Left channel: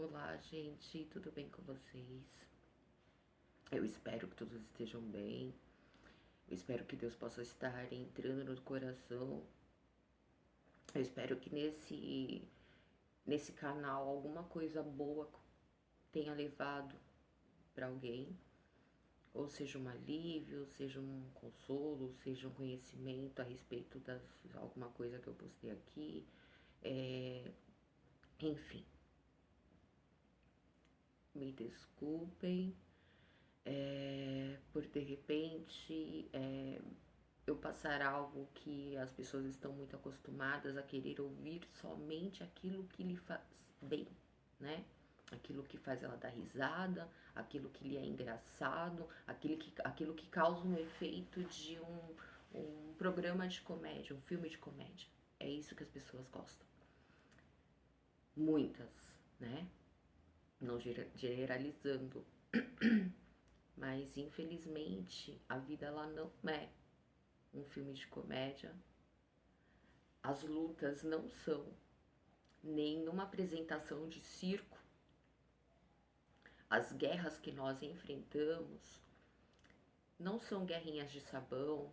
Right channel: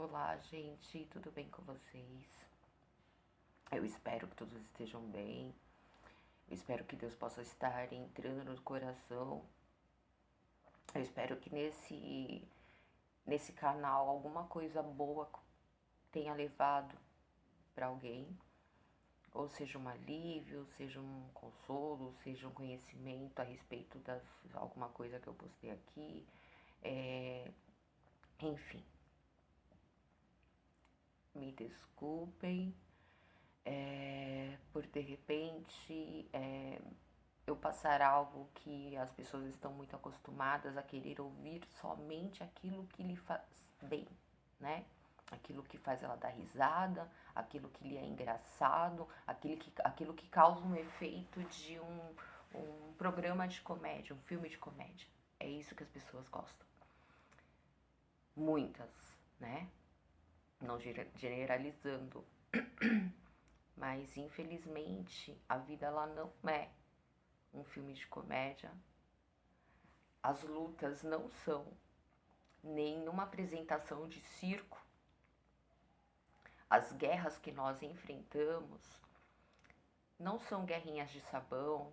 Olá, gente, tudo bem com vocês? Eu espero que todos estejam bem. Eu espero que Deus possa estar entrando no coração. Eu espero que nesse canal alguma coisa boa tenha levado para alguém, ou seja um alívio, seja um consolo, seja um conhecimento a respeito das alguma coisa que eu postei aqui. Enfim, me desculpem. Por de repente eu passar algo que as pessoas estão muito acostumadas a querer ouvir somente aquilo que lhe faz bem, né? Aquilo que faz ela dar risada, aquilo que lhe é engraçado, aquilo que causa um efeito de um programa de comédia, um filme de comédia. É isso que as pessoas gostam. Muitas, né? Não generalizando. Mas infelizmente a vida ela não é um filme de comédia. As lutas não são nenhuma apresentação de circo. As guerras que nós enfrentamos não são guerrinhas de sabão.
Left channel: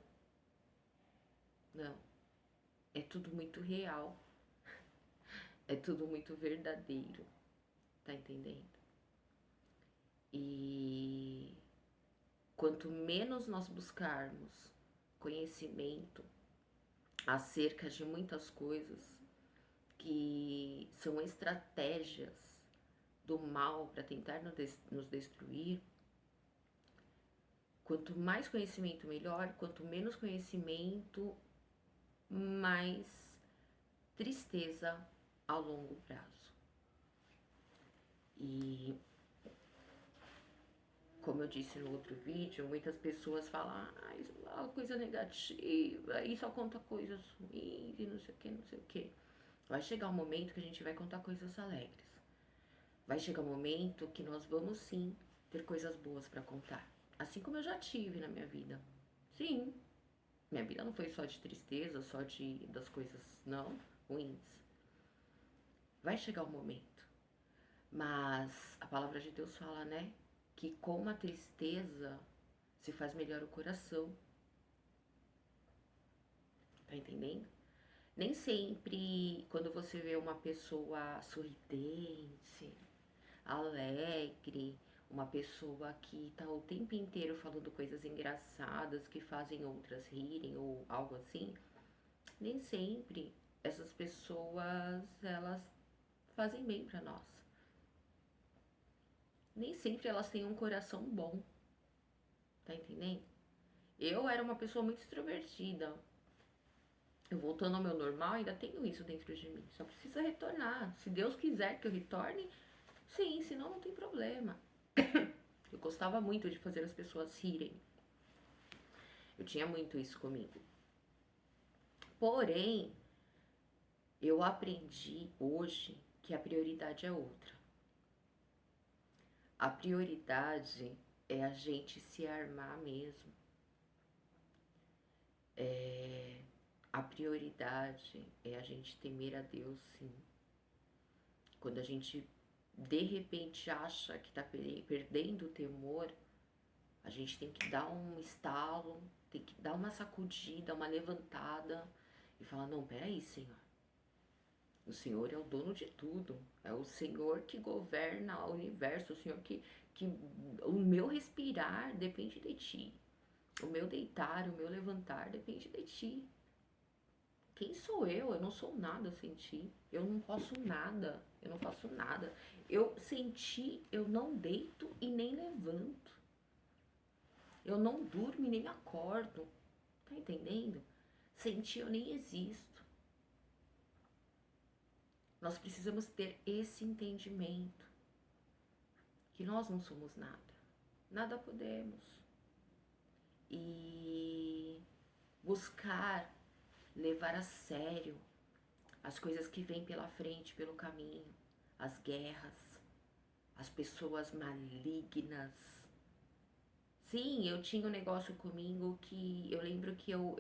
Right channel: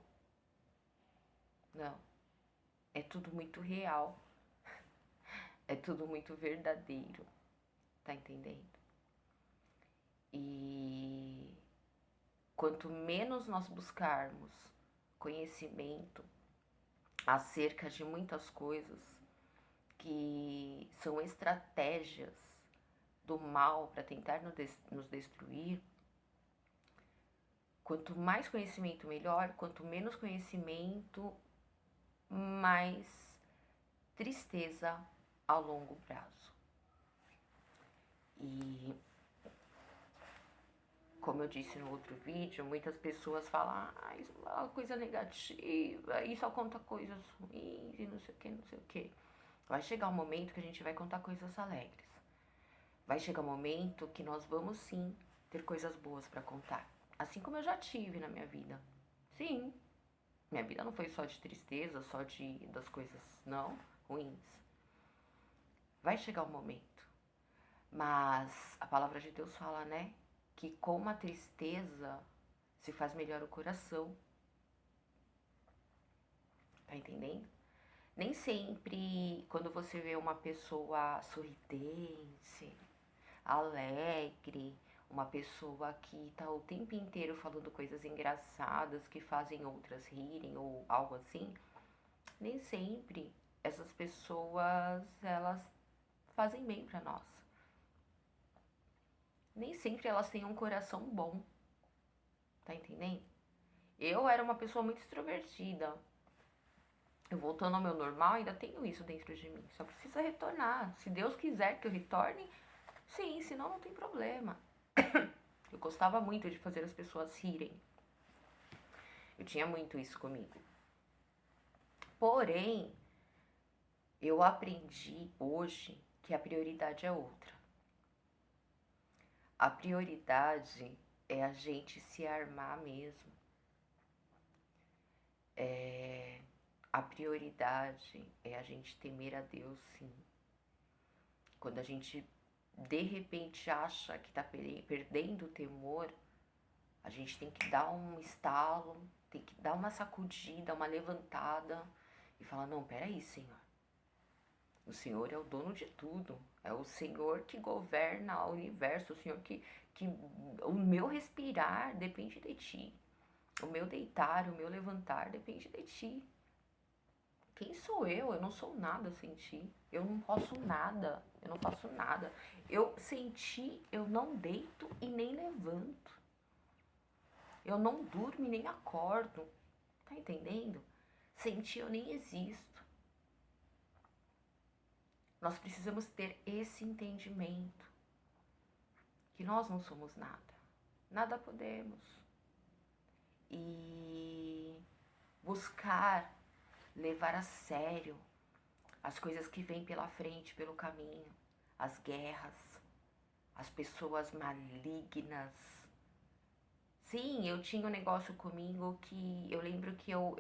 Não. É tudo muito real. É tudo muito verdadeiro. Tá entendendo? E quanto menos nós buscarmos conhecimento acerca de muitas coisas que são estratégias do mal para tentar nos destruir, quanto mais conhecimento melhor, quanto menos conhecimento, mais tristeza ao longo prazo. E como eu disse no outro vídeo, muitas pessoas falam, isso é uma coisa negativa, isso só conta coisas ruins e não sei o que, não sei o que. Vai chegar um momento que a gente vai contar coisas alegres. Vai chegar um momento que nós vamos sim ter coisas boas para contar. Assim como eu já tive na minha vida. Sim, minha vida não foi só de tristeza, só das coisas não ruins. Vai chegar um momento. Mas a palavra de Deus fala, né? Que com a tristeza se faz melhor o coração. Tá entendendo? Nem sempre quando você vê uma pessoa sorridente, alegre, uma pessoa que tá o tempo inteiro falando coisas engraçadas que fazem outras rirem ou algo assim, nem sempre essas pessoas elas fazem bem para nós. Nem sempre elas têm um coração bom. Tá entendendo? Eu era uma pessoa muito extrovertida. Eu voltando ao meu normal, ainda tenho isso dentro de mim. Só precisa retornar. Se Deus quiser que eu retorne, sim, senão não tem problema. Eu gostava muito de fazer as pessoas rirem. Eu tinha muito isso comigo. Porém, eu aprendi hoje que a prioridade é outra. A prioridade é a gente se armar mesmo. A prioridade é a gente temer a Deus, sim. Quando a gente de repente acha que tá perdendo o temor, a gente tem que dar um estalo, tem que dar uma sacudida, uma levantada e falar, não, peraí, Senhor. O Senhor é o dono de tudo. É o Senhor que governa o universo. O Senhor que o meu respirar depende de ti. O meu deitar, o meu levantar depende de ti. Quem sou eu? Eu não sou nada sem ti. Eu não posso nada. Eu não faço nada. Eu sem ti, eu não deito e nem levanto. Eu não durmo e nem acordo. Tá entendendo? Sem ti eu nem existo. Nós precisamos ter esse entendimento. Que nós não somos nada. Nada podemos. E buscar levar a sério as coisas que vêm pela frente, pelo caminho, as guerras, as pessoas malignas. Sim, eu tinha um negócio comigo que eu lembro que eu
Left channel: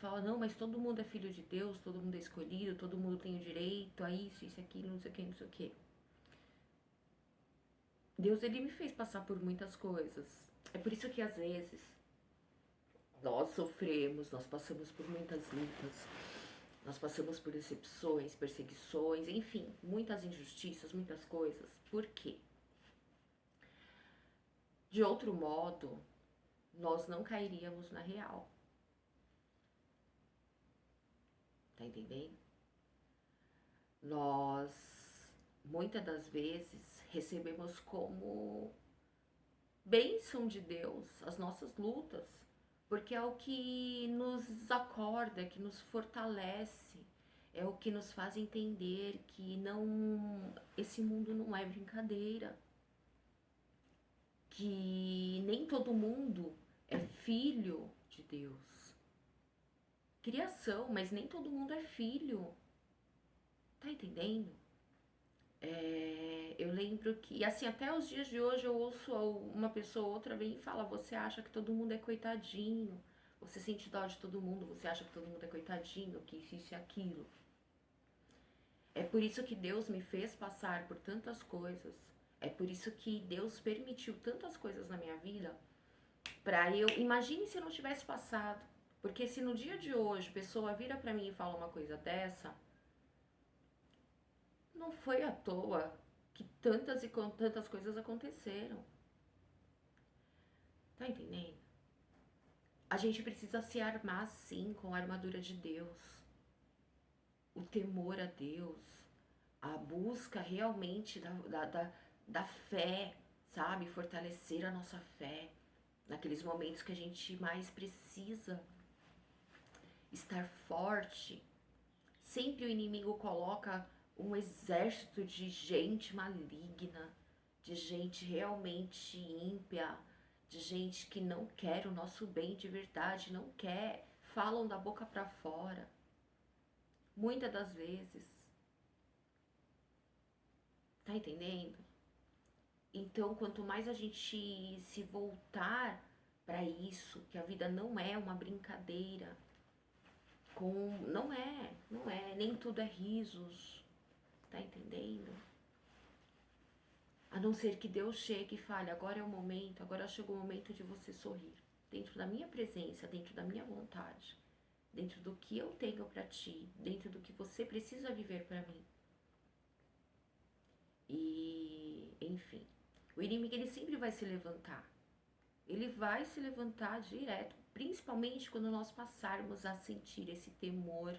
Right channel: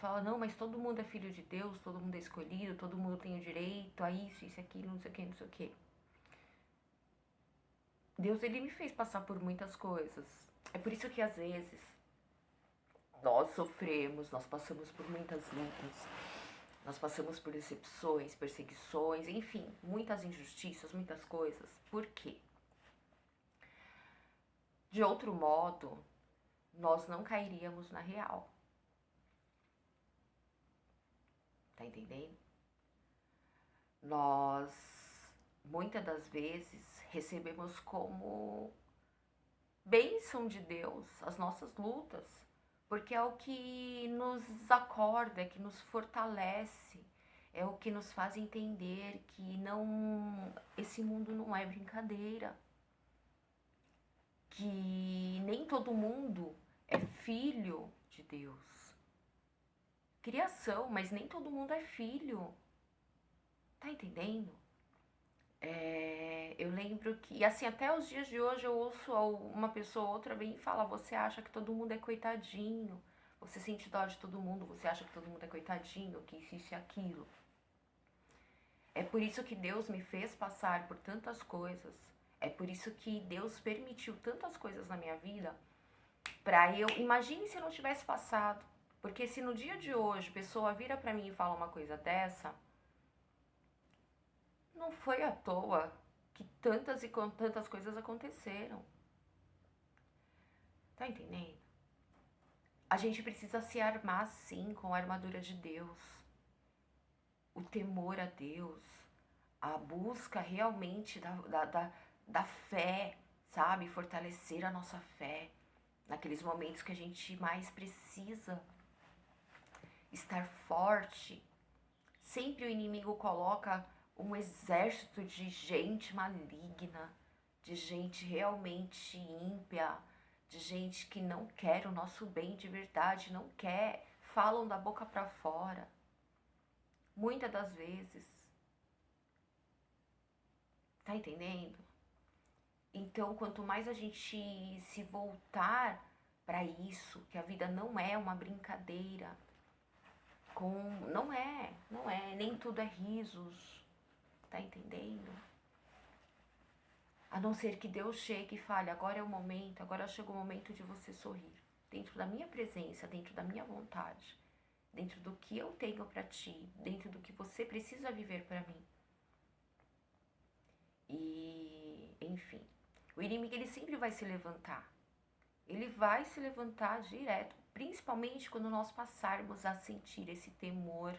falo, não, mas todo mundo é filho de Deus, todo mundo é escolhido, todo mundo tem o direito a isso, aquilo, não sei o que, não sei o que. Deus, ele me fez passar por muitas coisas. É por isso que às vezes nós sofremos, nós passamos por muitas lutas, nós passamos por decepções, perseguições, enfim, muitas injustiças, muitas coisas. Por quê? De outro modo, nós não cairíamos na real. Tá entendendo? Nós, muitas das vezes, recebemos como bênção de Deus as nossas lutas, porque é o que nos acorda, é que nos fortalece, é o que nos faz entender que não, esse mundo não é brincadeira, que nem todo mundo é filho de Deus. Criação, mas nem todo mundo é filho. Tá entendendo? Eu lembro que, assim, até os dias de hoje eu ouço uma pessoa ou outra vem e fala: você acha que todo mundo é coitadinho, você sente dó de todo mundo, você acha que todo mundo é coitadinho, que isso e aquilo. É por isso que Deus me fez passar por tantas coisas, é por isso que Deus permitiu tantas coisas na minha vida, pra eu, imagine se eu não tivesse passado, porque se no dia de hoje a pessoa vira pra mim e fala uma coisa dessa, não foi à toa que tantas e tantas coisas aconteceram. Tá entendendo? A gente precisa se armar sim com a armadura de Deus. O temor a Deus. A busca realmente da fé, sabe? Fortalecer a nossa fé. Naqueles momentos que a gente mais precisa estar forte. Sempre o inimigo coloca um exército de gente maligna, de gente realmente ímpia, de gente que não quer o nosso bem de verdade, não quer, falam da boca para fora. Muitas das vezes. Tá entendendo? Então, quanto mais a gente se voltar para isso, que a vida não é uma brincadeira, não é, nem tudo é risos, tá entendendo? A não ser que Deus chegue e fale: agora é o momento, agora chegou o momento de você sorrir. Dentro da minha presença, dentro da minha vontade, dentro do que eu tenho para ti, dentro do que você precisa viver para mim. E, enfim, o inimigo ele sempre vai se levantar. Ele vai se levantar direto, principalmente quando nós passarmos a sentir esse temor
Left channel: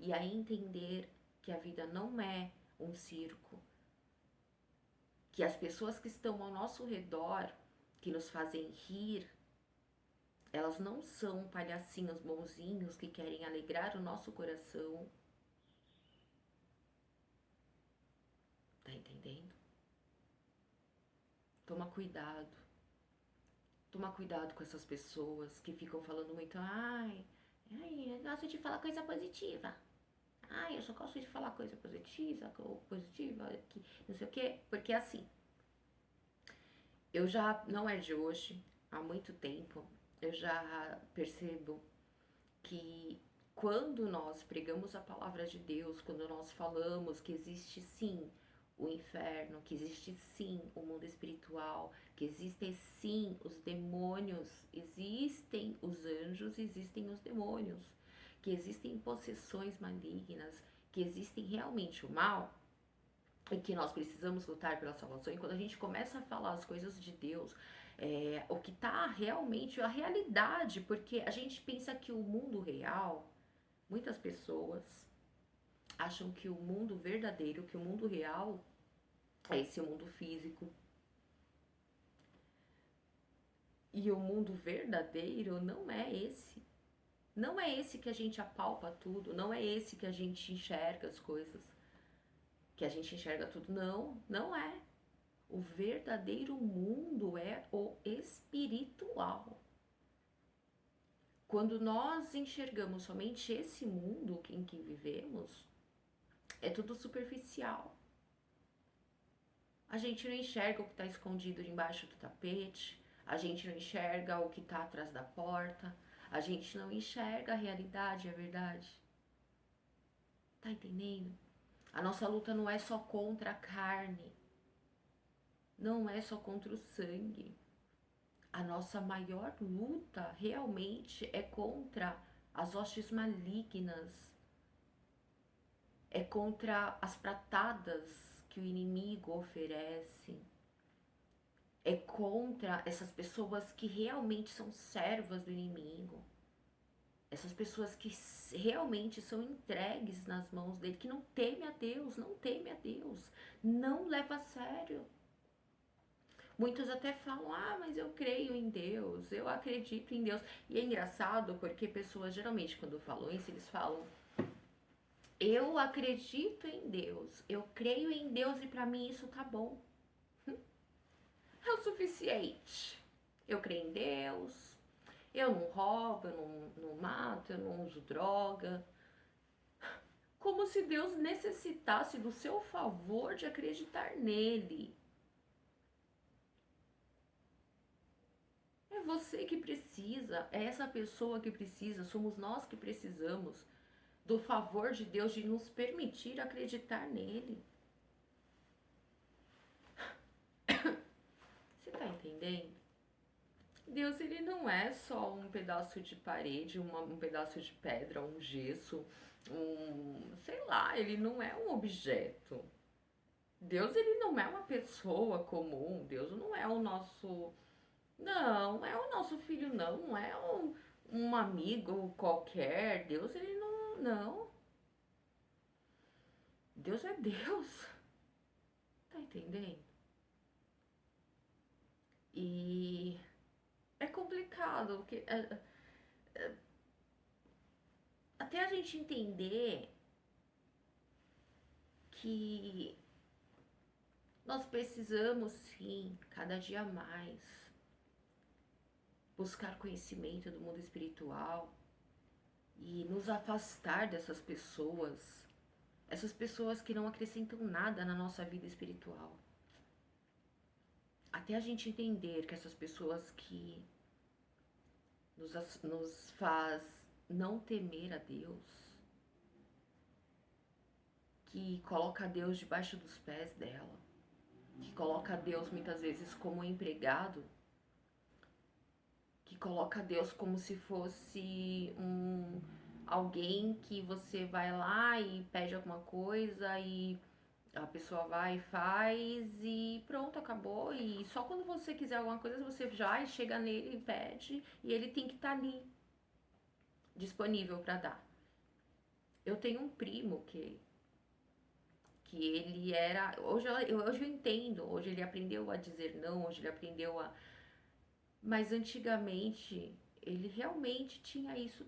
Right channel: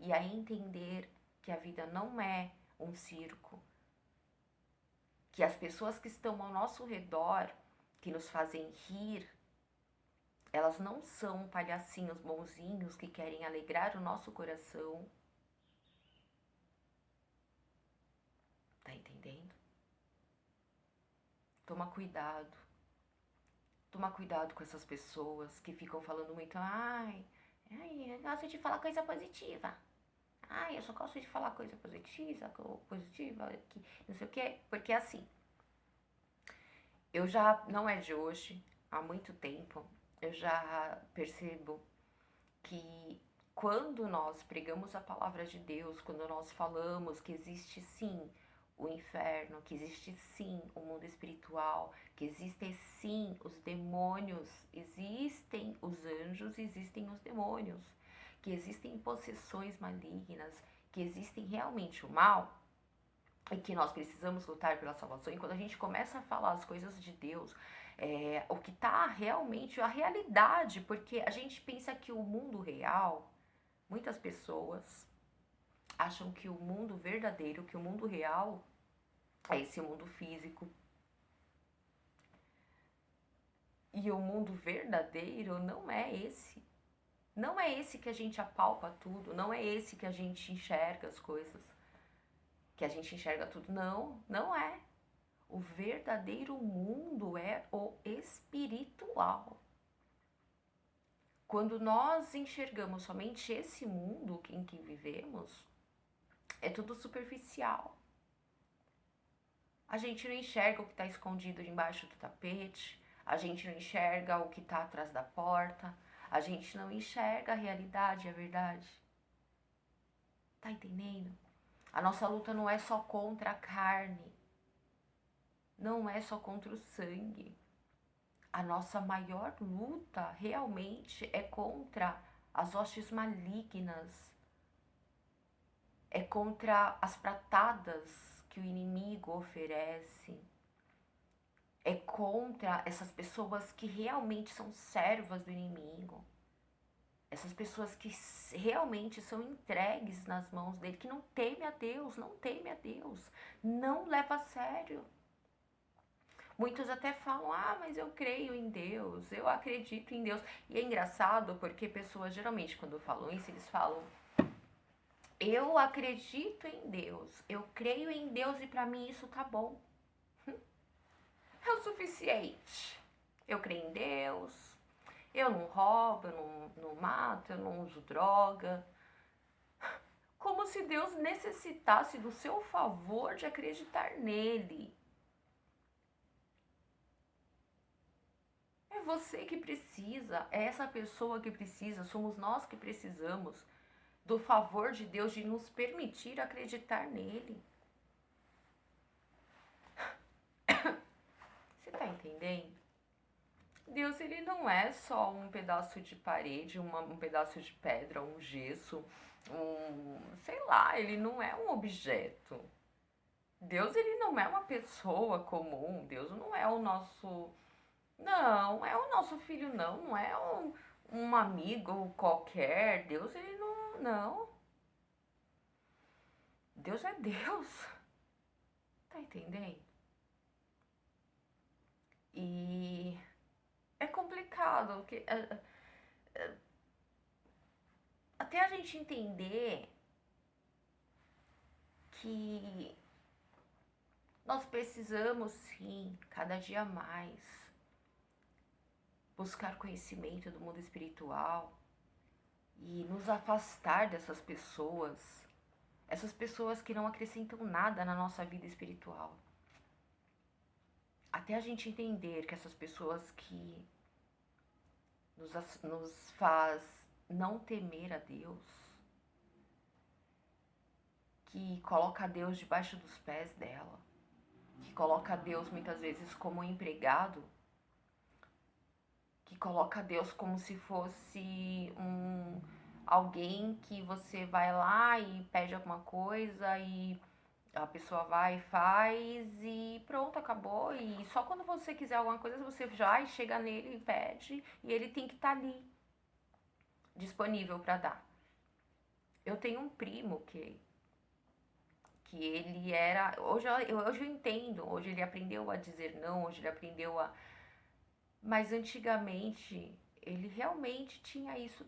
e a entender que a vida não é um circo, que as pessoas que estão ao nosso redor, que nos fazem rir, elas não são palhacinhos bonzinhos que querem alegrar o nosso coração. Tá entendendo? Toma cuidado. Toma cuidado com essas pessoas que ficam falando muito: ai, eu gosto de falar coisa positiva. Ai, eu só gosto de falar coisa positiva, que não sei o quê. Porque assim, eu já, não é de hoje, há muito tempo, eu já percebo que quando nós pregamos a palavra de Deus, quando nós falamos que existe sim o inferno, que existe sim o mundo espiritual, que existem sim os demônios, existem os anjos, existem os demônios, que existem possessões malignas, que existem realmente o mal, e que nós precisamos lutar pela salvação. E quando a gente começa a falar as coisas de Deus, o que está realmente a realidade, porque a gente pensa que o mundo real, muitas pessoas acham que o mundo verdadeiro, que o mundo real é esse mundo físico. E o mundo verdadeiro não é esse. Não é esse que a gente apalpa tudo, não é esse que a gente enxerga as coisas, que a gente enxerga tudo. Não, não é. O verdadeiro mundo é o espiritual. Quando nós enxergamos somente esse mundo em que vivemos, é tudo superficial. A gente não enxerga o que está escondido embaixo do tapete, a gente não enxerga o que está atrás da porta, a gente não enxerga a realidade, a verdade. Tá entendendo? A nossa luta não é só contra a carne. não é só contra o sangue. A nossa maior luta realmente é contra as hostes malignas, é contra as pratadas que o inimigo oferece, é contra essas pessoas que realmente são servas do inimigo, essas pessoas que realmente são entregues nas mãos dele, que não teme a Deus, não teme a Deus, não leva a sério. Muitos até falam, mas eu creio em Deus, eu acredito em Deus. E é engraçado porque pessoas geralmente quando falam isso, eles falam, eu acredito em Deus, eu creio em Deus e pra mim isso tá bom. É o suficiente. Eu creio em Deus, eu não roubo, eu não mato, eu não uso droga. Como se Deus necessitasse do seu favor de acreditar nele. É você que precisa, é essa pessoa que precisa, somos nós que precisamos do favor de Deus de nos permitir acreditar nele. Você tá entendendo? Deus, ele não é só um pedaço de parede, um pedaço de pedra, um gesso, sei lá, ele não é um objeto. Deus, ele não é uma pessoa comum, Deus não é o nosso... Não é o nosso filho, não é um amigo qualquer. Deus, ele não. Deus é Deus. Tá entendendo? E é complicado, porque até a gente entender que nós precisamos sim, cada dia mais, buscar conhecimento do mundo espiritual e nos afastar dessas pessoas, essas pessoas que não acrescentam nada na nossa vida espiritual. Até a gente entender que essas pessoas que nos faz não temer a Deus, que coloca Deus debaixo dos pés dela, que coloca Deus muitas vezes como empregado, que coloca Deus como se fosse alguém que você vai lá e pede alguma coisa e a pessoa vai e faz e pronto, acabou. E só quando você quiser alguma coisa, você vai, chega nele e pede e ele tem que estar ali, disponível para dar. Eu tenho um primo que ele era... Hoje eu entendo, hoje ele aprendeu a dizer não, hoje ele aprendeu a... Mas antigamente ele realmente tinha isso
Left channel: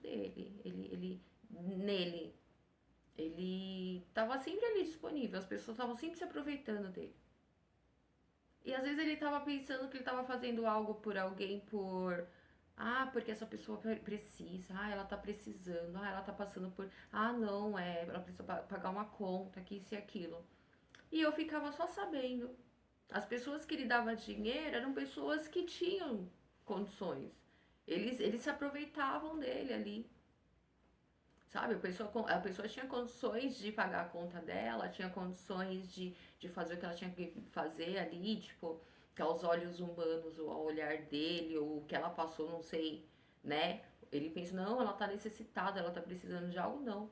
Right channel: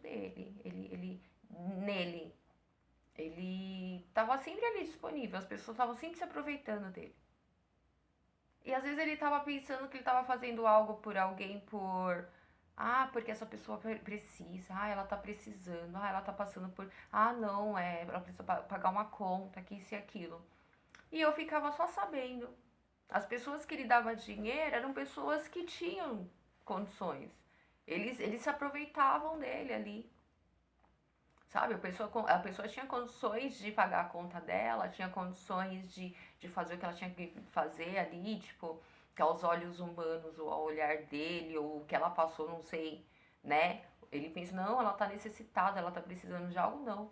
nele. Ele estava sempre ali disponível, as pessoas estavam sempre se aproveitando dele. E às vezes ele estava pensando que ele estava fazendo algo por alguém porque essa pessoa precisa, ela tá precisando, ela tá passando por, não, ela precisa pagar uma conta, que isso e aquilo. E eu ficava só sabendo. As pessoas que ele dava dinheiro eram pessoas que tinham condições. Eles se aproveitavam dele ali. Sabe, a pessoa tinha condições de pagar a conta dela, tinha condições de fazer o que ela tinha que fazer ali, tipo, que aos olhos humanos, ou ao olhar dele, ou o que ela passou, não sei, né? Ele pensa, não, ela tá necessitada, ela tá precisando de algo, não.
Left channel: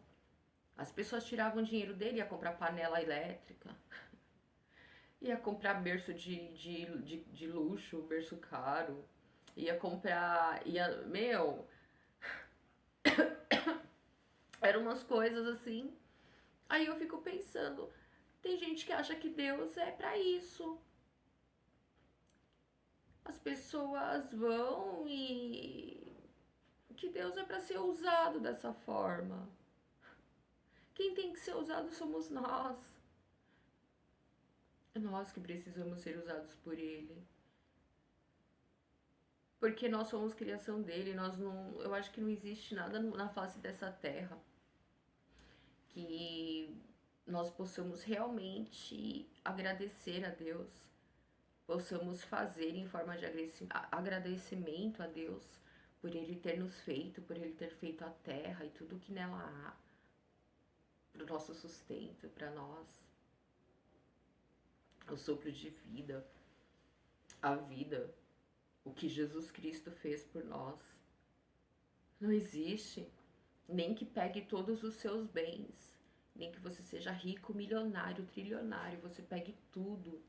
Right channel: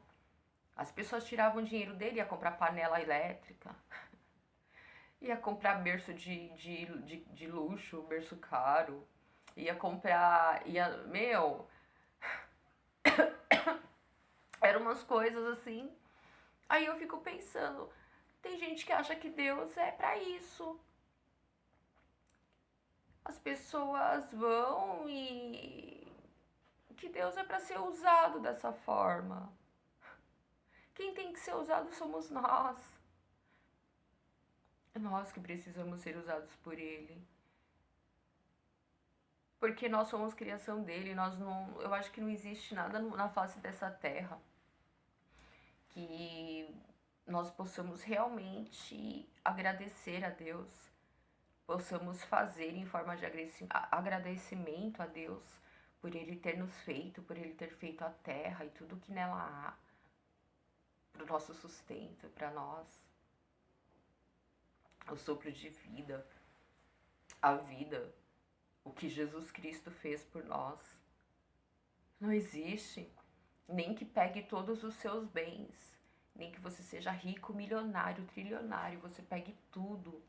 As pessoas tiravam dinheiro dele, ia comprar panela elétrica, ia comprar berço de luxo, berço caro, ia comprar, eram umas coisas assim. Aí eu fico pensando, tem gente que acha que Deus é pra isso. As pessoas vão e que Deus é pra ser usado dessa forma. Quem tem que ser usado somos nós. É nós que precisamos ser usados por Ele. Porque nós somos criação dele, eu acho que não existe nada na face dessa terra que nós possamos realmente agradecer a Deus, possamos fazer em forma de agradecimento a Deus por Ele ter nos feito, por Ele ter feito a terra e tudo que nela há, para o nosso sustento, para nós, o sopro de vida. a vida, o que Jesus Cristo fez por nós. Não existe. Nem que pegue todos os seus bens, nem que você seja rico, milionário, trilionário, você pegue tudo.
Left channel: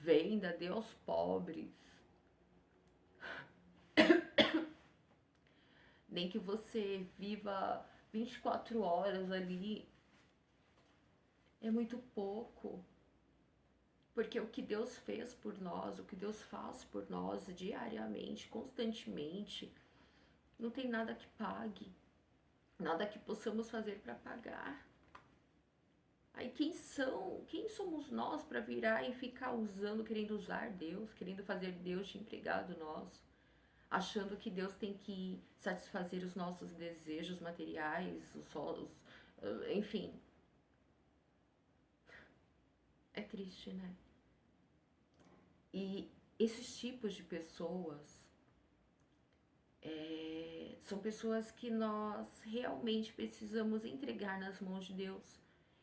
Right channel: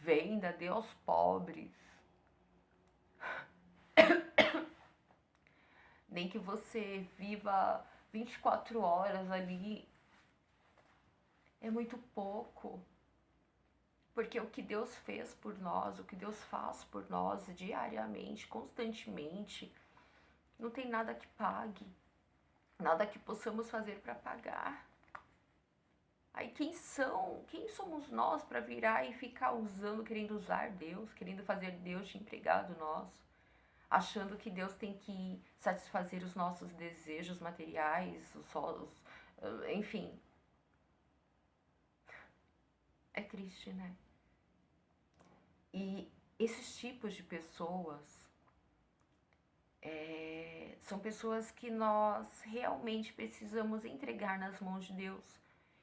Venda, dê aos pobres. Nem que você viva 24 horas ali. É muito pouco. Porque o que Deus fez por nós, o que Deus faz por nós diariamente, constantemente, não tem nada que pague. Nada que possamos fazer para pagar. Aí quem somos nós para virar e ficar usando, querendo usar Deus, querendo fazer Deus de empregado nosso, achando que Deus tem que satisfazer os nossos desejos materiais, enfim. É triste, né? E esses tipos de pessoas são pessoas que nós realmente precisamos entregar nas mãos de Deus.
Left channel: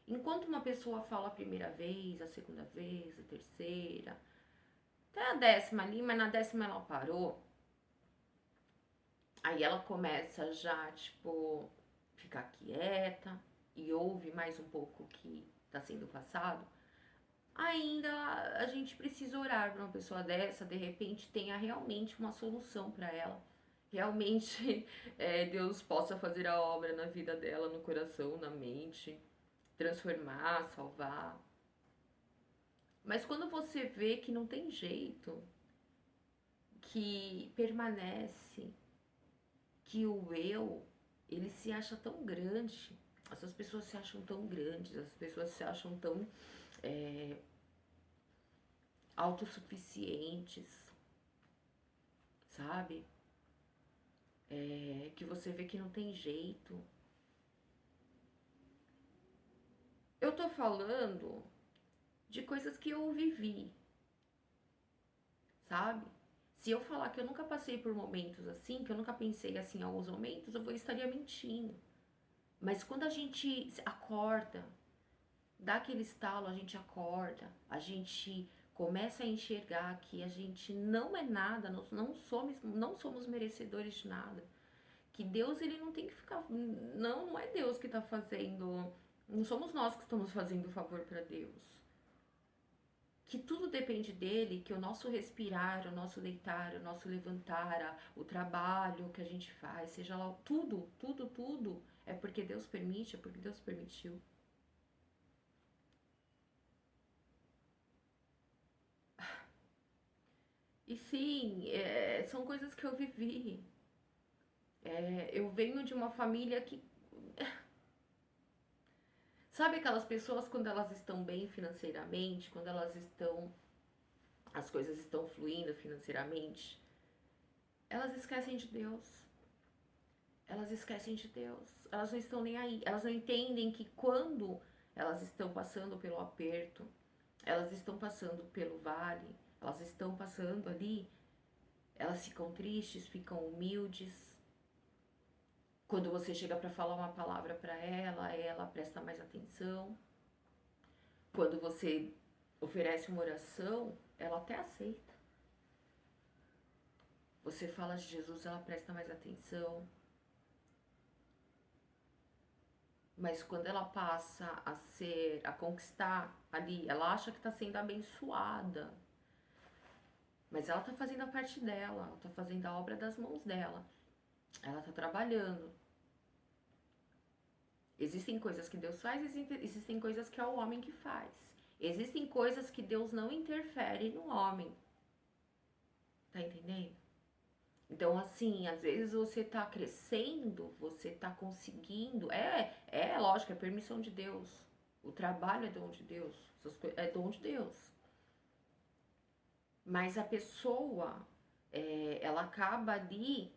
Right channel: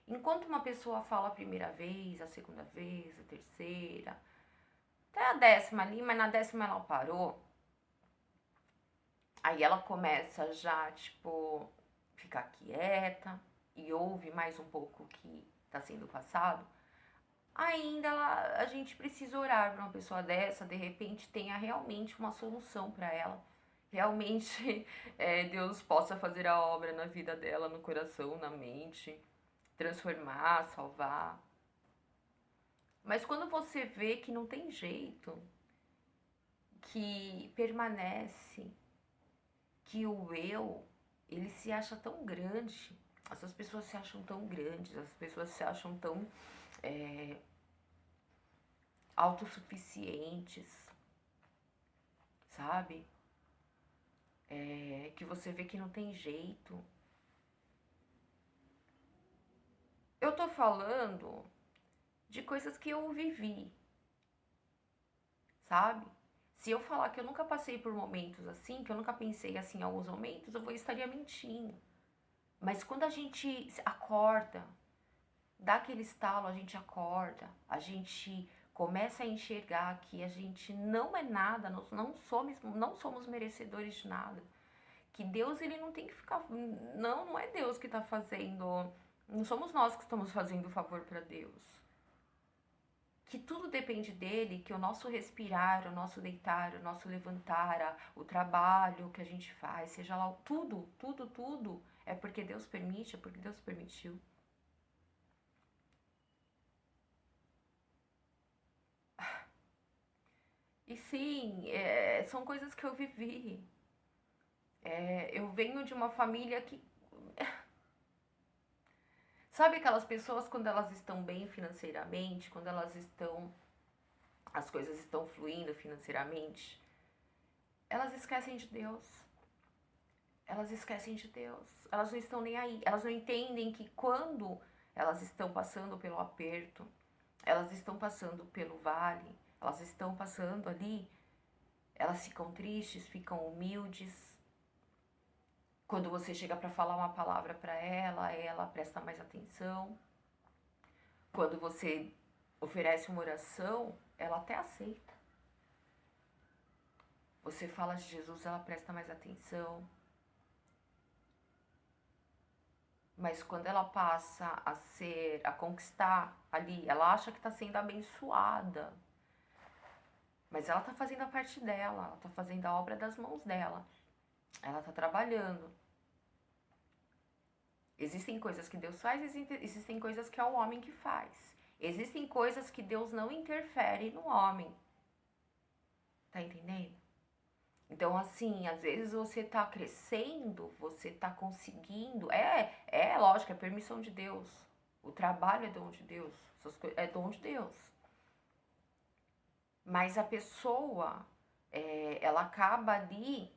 Enquanto uma pessoa fala a primeira vez, a segunda vez, a terceira, até a 10ª ali, mas na 10ª ela parou. Aí ela começa já, tipo, ficar quieta e ouve mais um pouco o que está sendo passado. Ainda a gente precisa orar para uma pessoa dessa, de repente tenha realmente uma solução para ela. Realmente Deus possa fazer a obra na vida dela, no coração, na mente, transformar, salvar. Mas quando você vê que não tem jeito, que permanece, que o eu, ele se acha tão grande, essas pessoas se acham tão grandes, as pessoas se acham tão autossuficientes, sabe? Que você vê que não tem jeito. Eu tô falando de coisas que eu vivi, sabe? Se eu falar que eu nunca passei por momentos assim, que eu nunca pensei assim em alguns momentos, eu estaria mentindo. Mas quando a gente acorda, dá aquele estalo, a gente acorda, a gente começa a enxergar que a gente não é nada, nós não somos merecedores de nada. Que Deus, ele não tem que ficar... Não é Deus que está fazendo... Não somos nós que estamos fazendo o favor para Deus. Que tudo depende dele, que o nosso respirar, o nosso deitar, o nosso levantar, o trabalho que a gente faz, seja lá tudo, é porque Deus permite, é porque Deus permitiu. E sim, são coisas que eu vivi. Eu venho de uma família que... Sabe aquelas pessoas quando elas estão bem financeiramente, quando as coisas estão fluindo financeiramente, elas esquecem de Deus. Elas esquecem de Deus. Elas não estão nem aí. Elas não entendem que quando elas estão passando pelo aperto, elas estão passando pelo vale, elas estão passando ali, elas ficam tristes, ficam humildes. Quando você chega para falar uma palavra para ela presta mais atenção. Quando você oferece uma oração, ela até aceita. Você fala de Jesus, ela presta mais atenção. Mas quando ela passa a conquistar ali, ela acha que está sendo abençoada. Mas ela está fazendo a parte dela, ela está fazendo a obra das mãos dela. Ela está trabalhando. Existem coisas que Deus faz, existem coisas que é o homem que faz. Existem coisas que Deus não interfere no homem. Tá entendendo? Então, assim, às vezes você tá crescendo, você tá conseguindo. Lógico, é permissão de Deus. O trabalho é dom de Deus. É dom de Deus. Mas a pessoa, ela acaba ali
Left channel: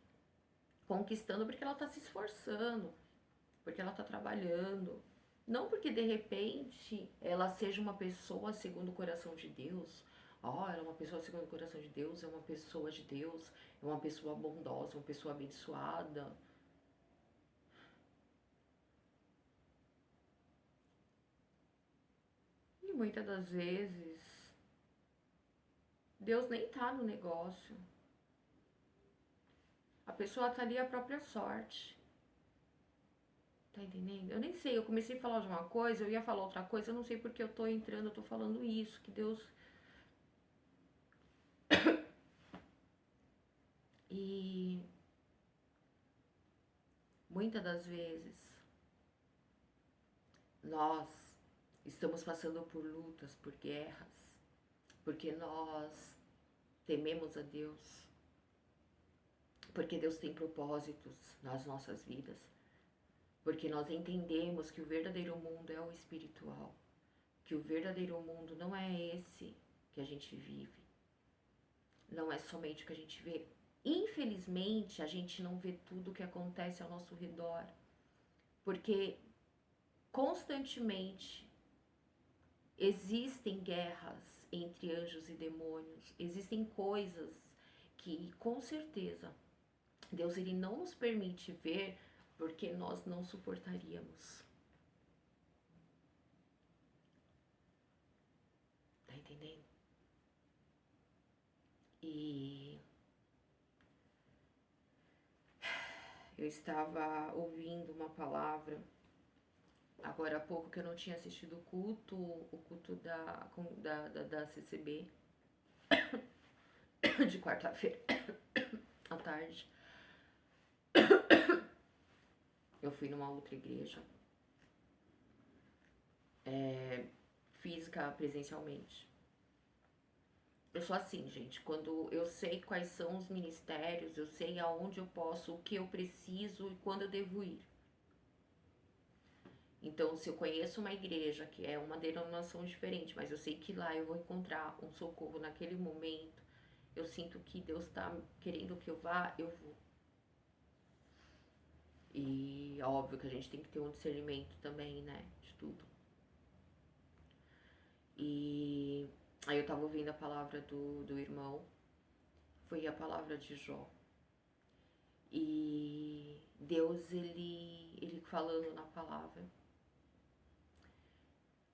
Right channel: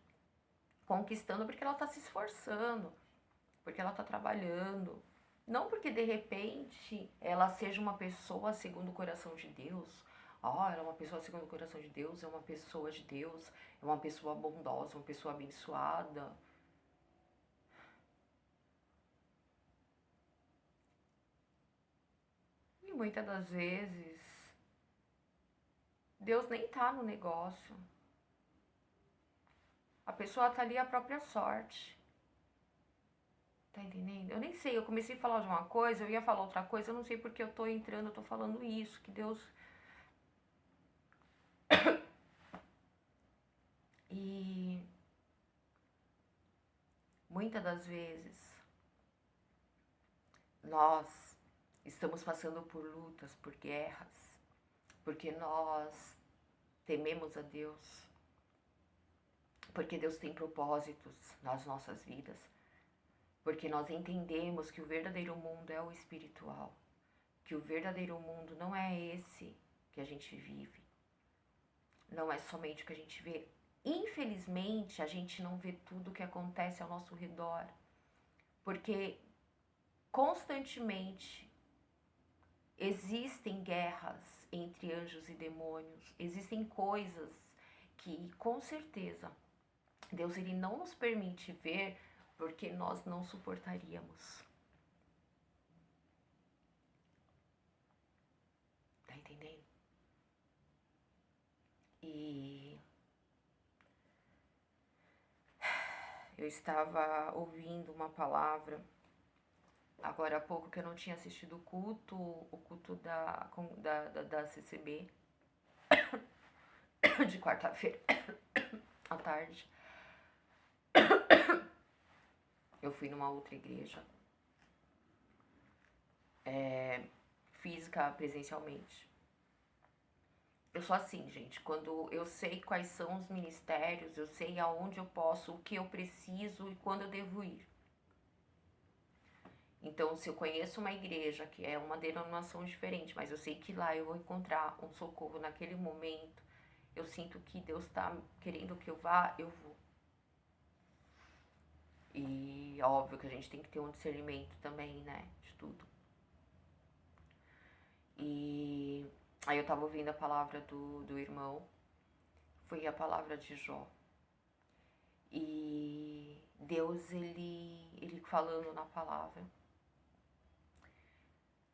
conquistando porque ela tá se esforçando, porque ela tá trabalhando. Não porque de repente ela seja uma pessoa segundo o coração de Deus. Ela é uma pessoa segundo o coração de Deus, é uma pessoa de Deus, é uma pessoa bondosa, uma pessoa abençoada. E muitas das vezes Deus nem tá no negócio. A pessoa tá ali à própria sorte. Tá entendendo? Eu nem sei, eu comecei a falar de uma coisa, eu ia falar outra coisa, eu não sei porque eu tô entrando, eu tô falando isso, que Deus... E muitas das vezes nós estamos passando por lutas, por guerras, porque nós tememos a Deus, porque Deus tem propósitos nas nossas vidas, porque nós entendemos que o verdadeiro mundo é o espiritual, que o verdadeiro mundo não é esse que a gente vive, não é somente o que a gente vê. Infelizmente, a gente não vê tudo o que acontece ao nosso redor, porque constantemente existem guerras entre anjos e demônios, existem coisas que com certeza Deus ele não nos permite ver porque nós não suportaríamos. Tá entendendo? E eu estava ouvindo uma palavra agora há pouco que eu não tinha assistido o culto da CCB de quarta-feira à tarde. Eu fui numa outra igreja, física, presencialmente. Eu sou assim, gente, quando eu sei quais são os ministérios, eu sei aonde eu posso, o que eu preciso e quando eu devo ir. Então, se eu conheço uma igreja que é uma denominação diferente, mas eu sei que lá eu vou encontrar um socorro naquele momento, eu sinto que Deus está querendo que eu vá, eu vou. E óbvio que a gente tem que ter um discernimento também, né, de tudo. E aí eu tava ouvindo a palavra do irmão, foi a palavra de Jó. E Deus, ele falando na palavra,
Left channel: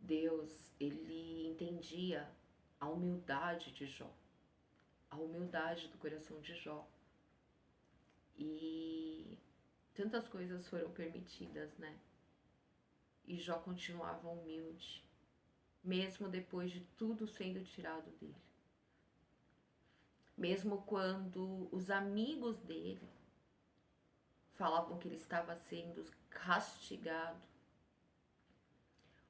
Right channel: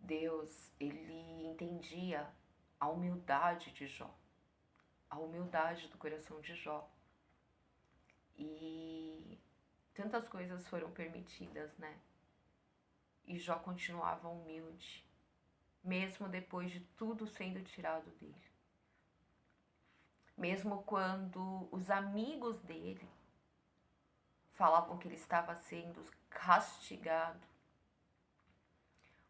Deus, ele entendia a humildade de Jó, a humildade do coração de Jó. E tantas coisas foram permitidas, né? E Jó continuava humilde, mesmo depois de tudo sendo tirado dele. Mesmo quando os amigos dele falavam que ele estava sendo castigado.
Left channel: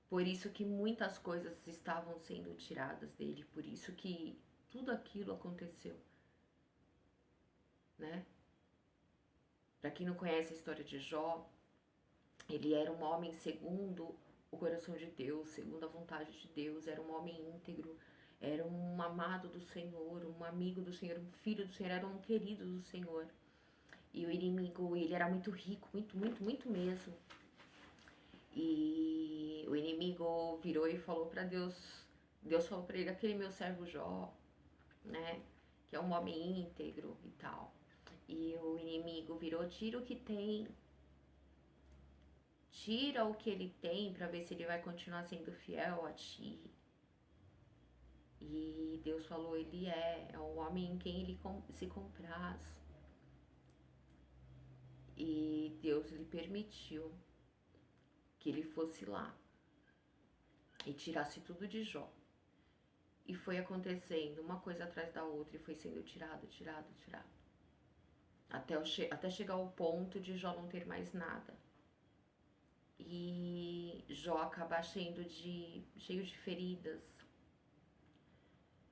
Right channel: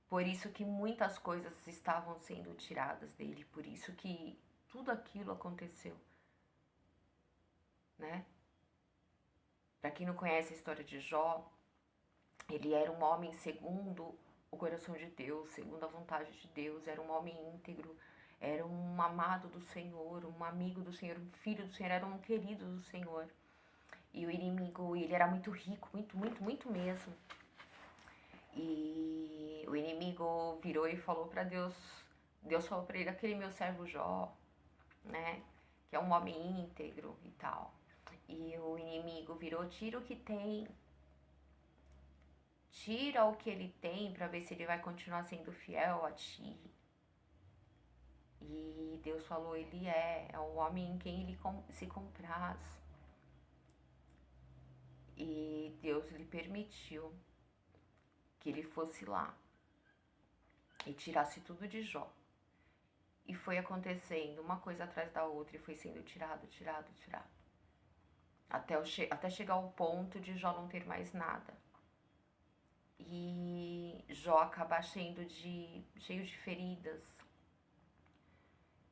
Por isso que muitas coisas estavam sendo tiradas dele, por isso que tudo aquilo aconteceu, né? Para quem não conhece a história de Jó, ele era um homem segundo o coração de Deus, segundo a vontade de Deus, era um homem íntegro, era um amado do Senhor, um amigo do Senhor, um filho do Senhor, era um querido do Senhor. E o inimigo, ele era muito rico, muito mesmo. E o inimigo virou e falou para Deus, Deus falou para ele, aquele meu servo Jó, né, que é um homem íntegro e tal. E o inimigo virou, tira o que tem, tira o que ele tem para ver se ele vai continuar sendo fiel a ti. E Deus falou, ele é um homem em quem ele se compraz. E Deus lhe permitiu que ele fosse lá e tirasse tudo de Jó. E foi acontecendo uma coisa atrás da outra e foi sendo tirado. Até chegar ao ponto de Jó não ter mais nada. E Jó acaba cheio de feridas.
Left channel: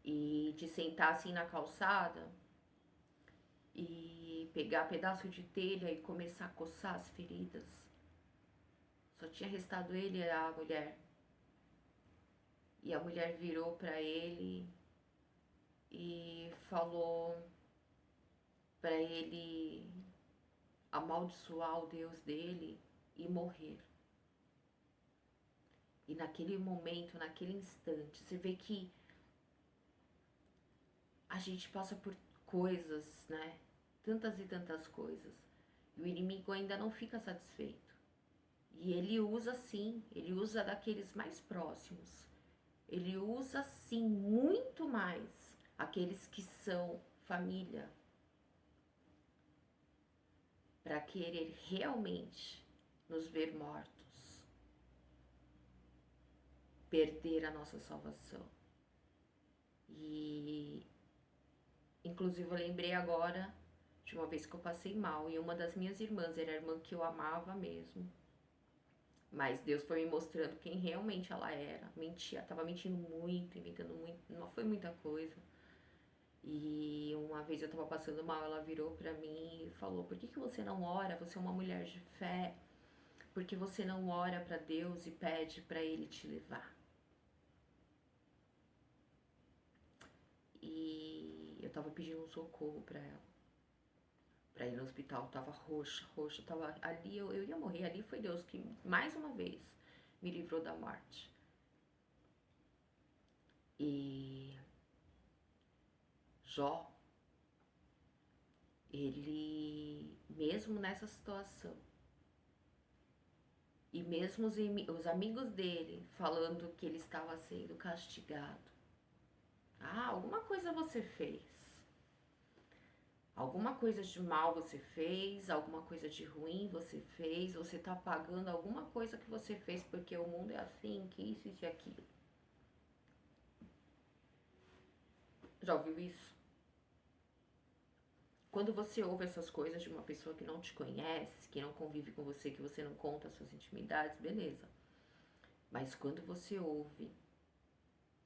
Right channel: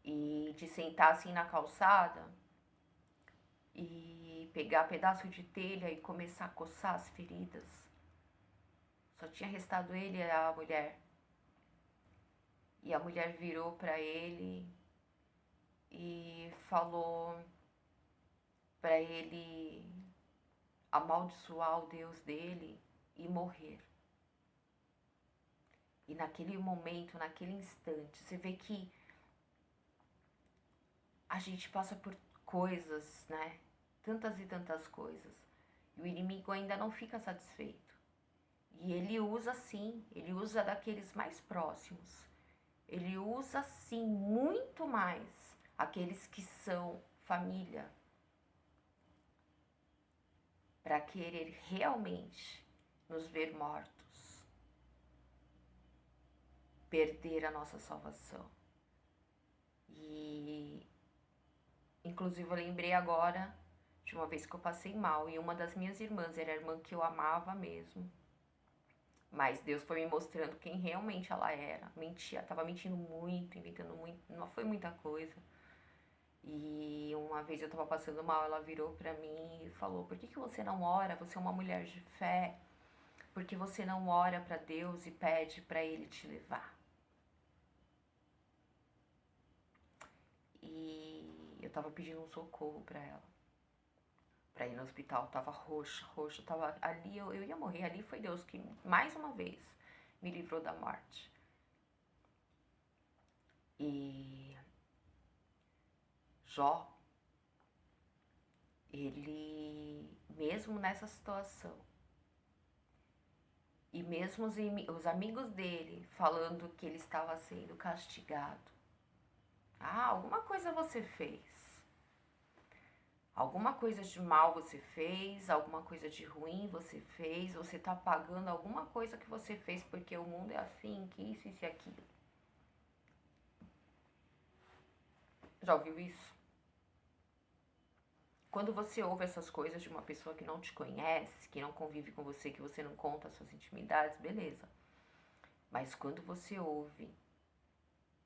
E de sentar assim na calçada e pegar pedaço de telha e começar a coçar as feridas. Só tinha restado ele e a mulher. E a mulher virou para ele e falou para ele amaldiçoar o Deus dele e morrer. E naquele momento, naquele instante, você vê que a gente passa por coisas, né? Tantas e tantas coisas. E o inimigo ainda não fica satisfeito. E ele usa sim, ele usa daqueles mais próximos. Ele usa sim muito mais aqueles que são família, para querer realmente nos ver mortos, perder a nossa salvação. E inclusive eu lembrei agora de uma vez que eu passei mal e uma das minhas irmãs era a irmã que eu amava mesmo. Mas Deus foi me mostrando quem realmente ela era. Mentia, tava mentindo muito, inventando muito, não foi muita coisa. E uma vez eu tava passando mal, ela virou pra mim e falou: "Por que você não ora? Você é uma mulher de fé. Por que você não ora pra Deus e pede pra Ele te levar?" E eu tava pedindo um socorro pra ela, pra ir no hospital. Tava roxa, roxa, tava ali, eu ia morrer. Ali foi Deus que, mais uma vez, me livrou da morte. E Jó, ele, mesmo nessa situação, e mesmo os amigos dele falando que ele estava sendo castigado, alguma coisa você fez, alguma coisa de mal você fez, alguma coisa de ruim você fez, você tá pagando alguma coisa que você fez porque o mundo é assim, que isso e aquilo. Já ouviu isso? Quando você ouve essas coisas de uma pessoa que não te conhece, que não convive com você, que você não conta as suas intimidades, beleza. Mas quando você ouve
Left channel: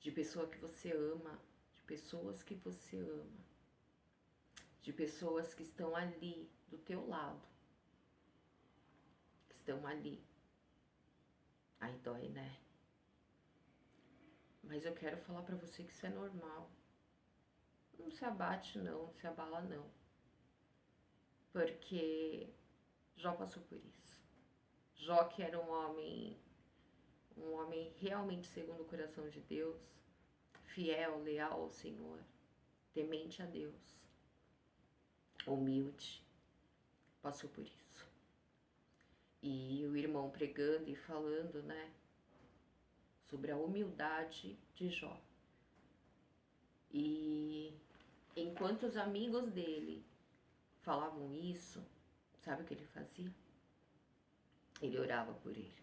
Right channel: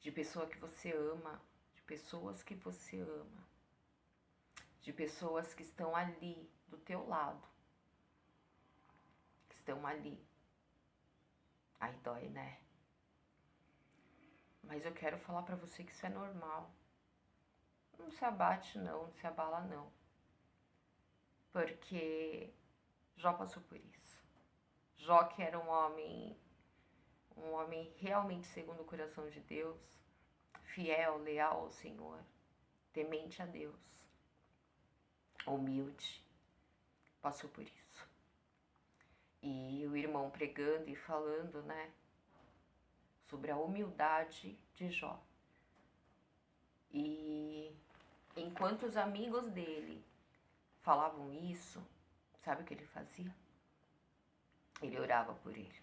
de pessoa que você ama, de pessoas que você ama, de pessoas que estão ali do teu lado, que estão ali, aí dói, né? Mas eu quero falar pra você que isso é normal. Não se abate não, não se abala não. Porque Jó passou por isso. Jó, que era um homem realmente segundo o coração de Deus, fiel, leal ao Senhor, temente a Deus, humilde, passou por isso. E o irmão pregando e falando, né, sobre a humildade de Jó. E enquanto os amigos dele falavam isso, sabe o que ele fazia? Ele orava por eles.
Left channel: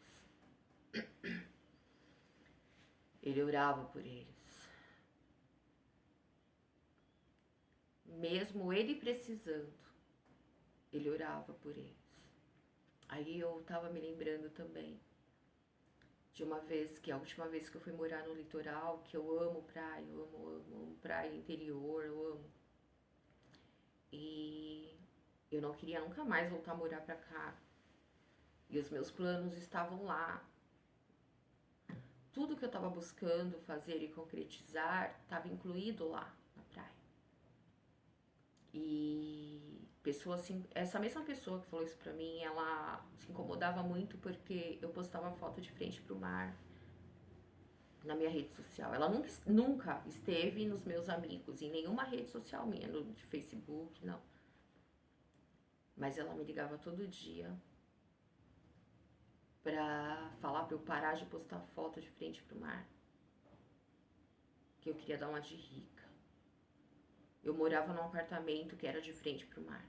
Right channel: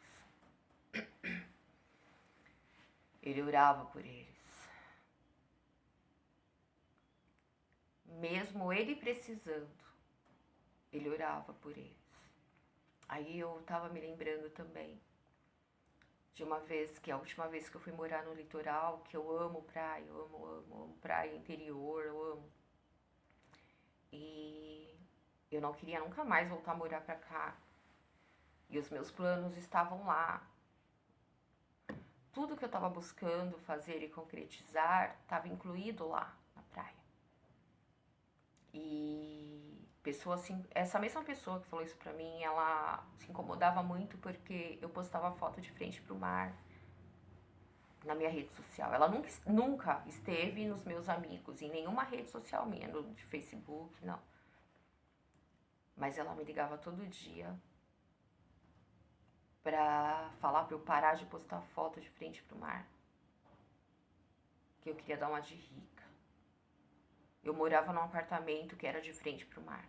Ele orava por eles. Mesmo ele precisando, ele orava por eles. Aí eu tava me lembrando também de uma vez, que a última vez que eu fui morar no litoral, que eu amo praia, eu amo praia interior, eu amo. E eu não queria nunca mais voltar a morar pra cá. E os meus planos estavam lá. Tudo que eu estava buscando fazer e concretizar estava incluído lá na praia. E assim, essa mesma pessoa que falou isso pra mim, ela se incomodava muito porque eu postava foto de frente pro mar na minha rede social. Ela nunca esteve nos meus amigos, em nenhuma rede social minha, de Facebook, não. Mas ela me ligava todo dia pra falar pra eu parar de postar foto de frente pro mar. Que eu queria dar uma de rica. Eu morava num apartamento que era de frente pro mar.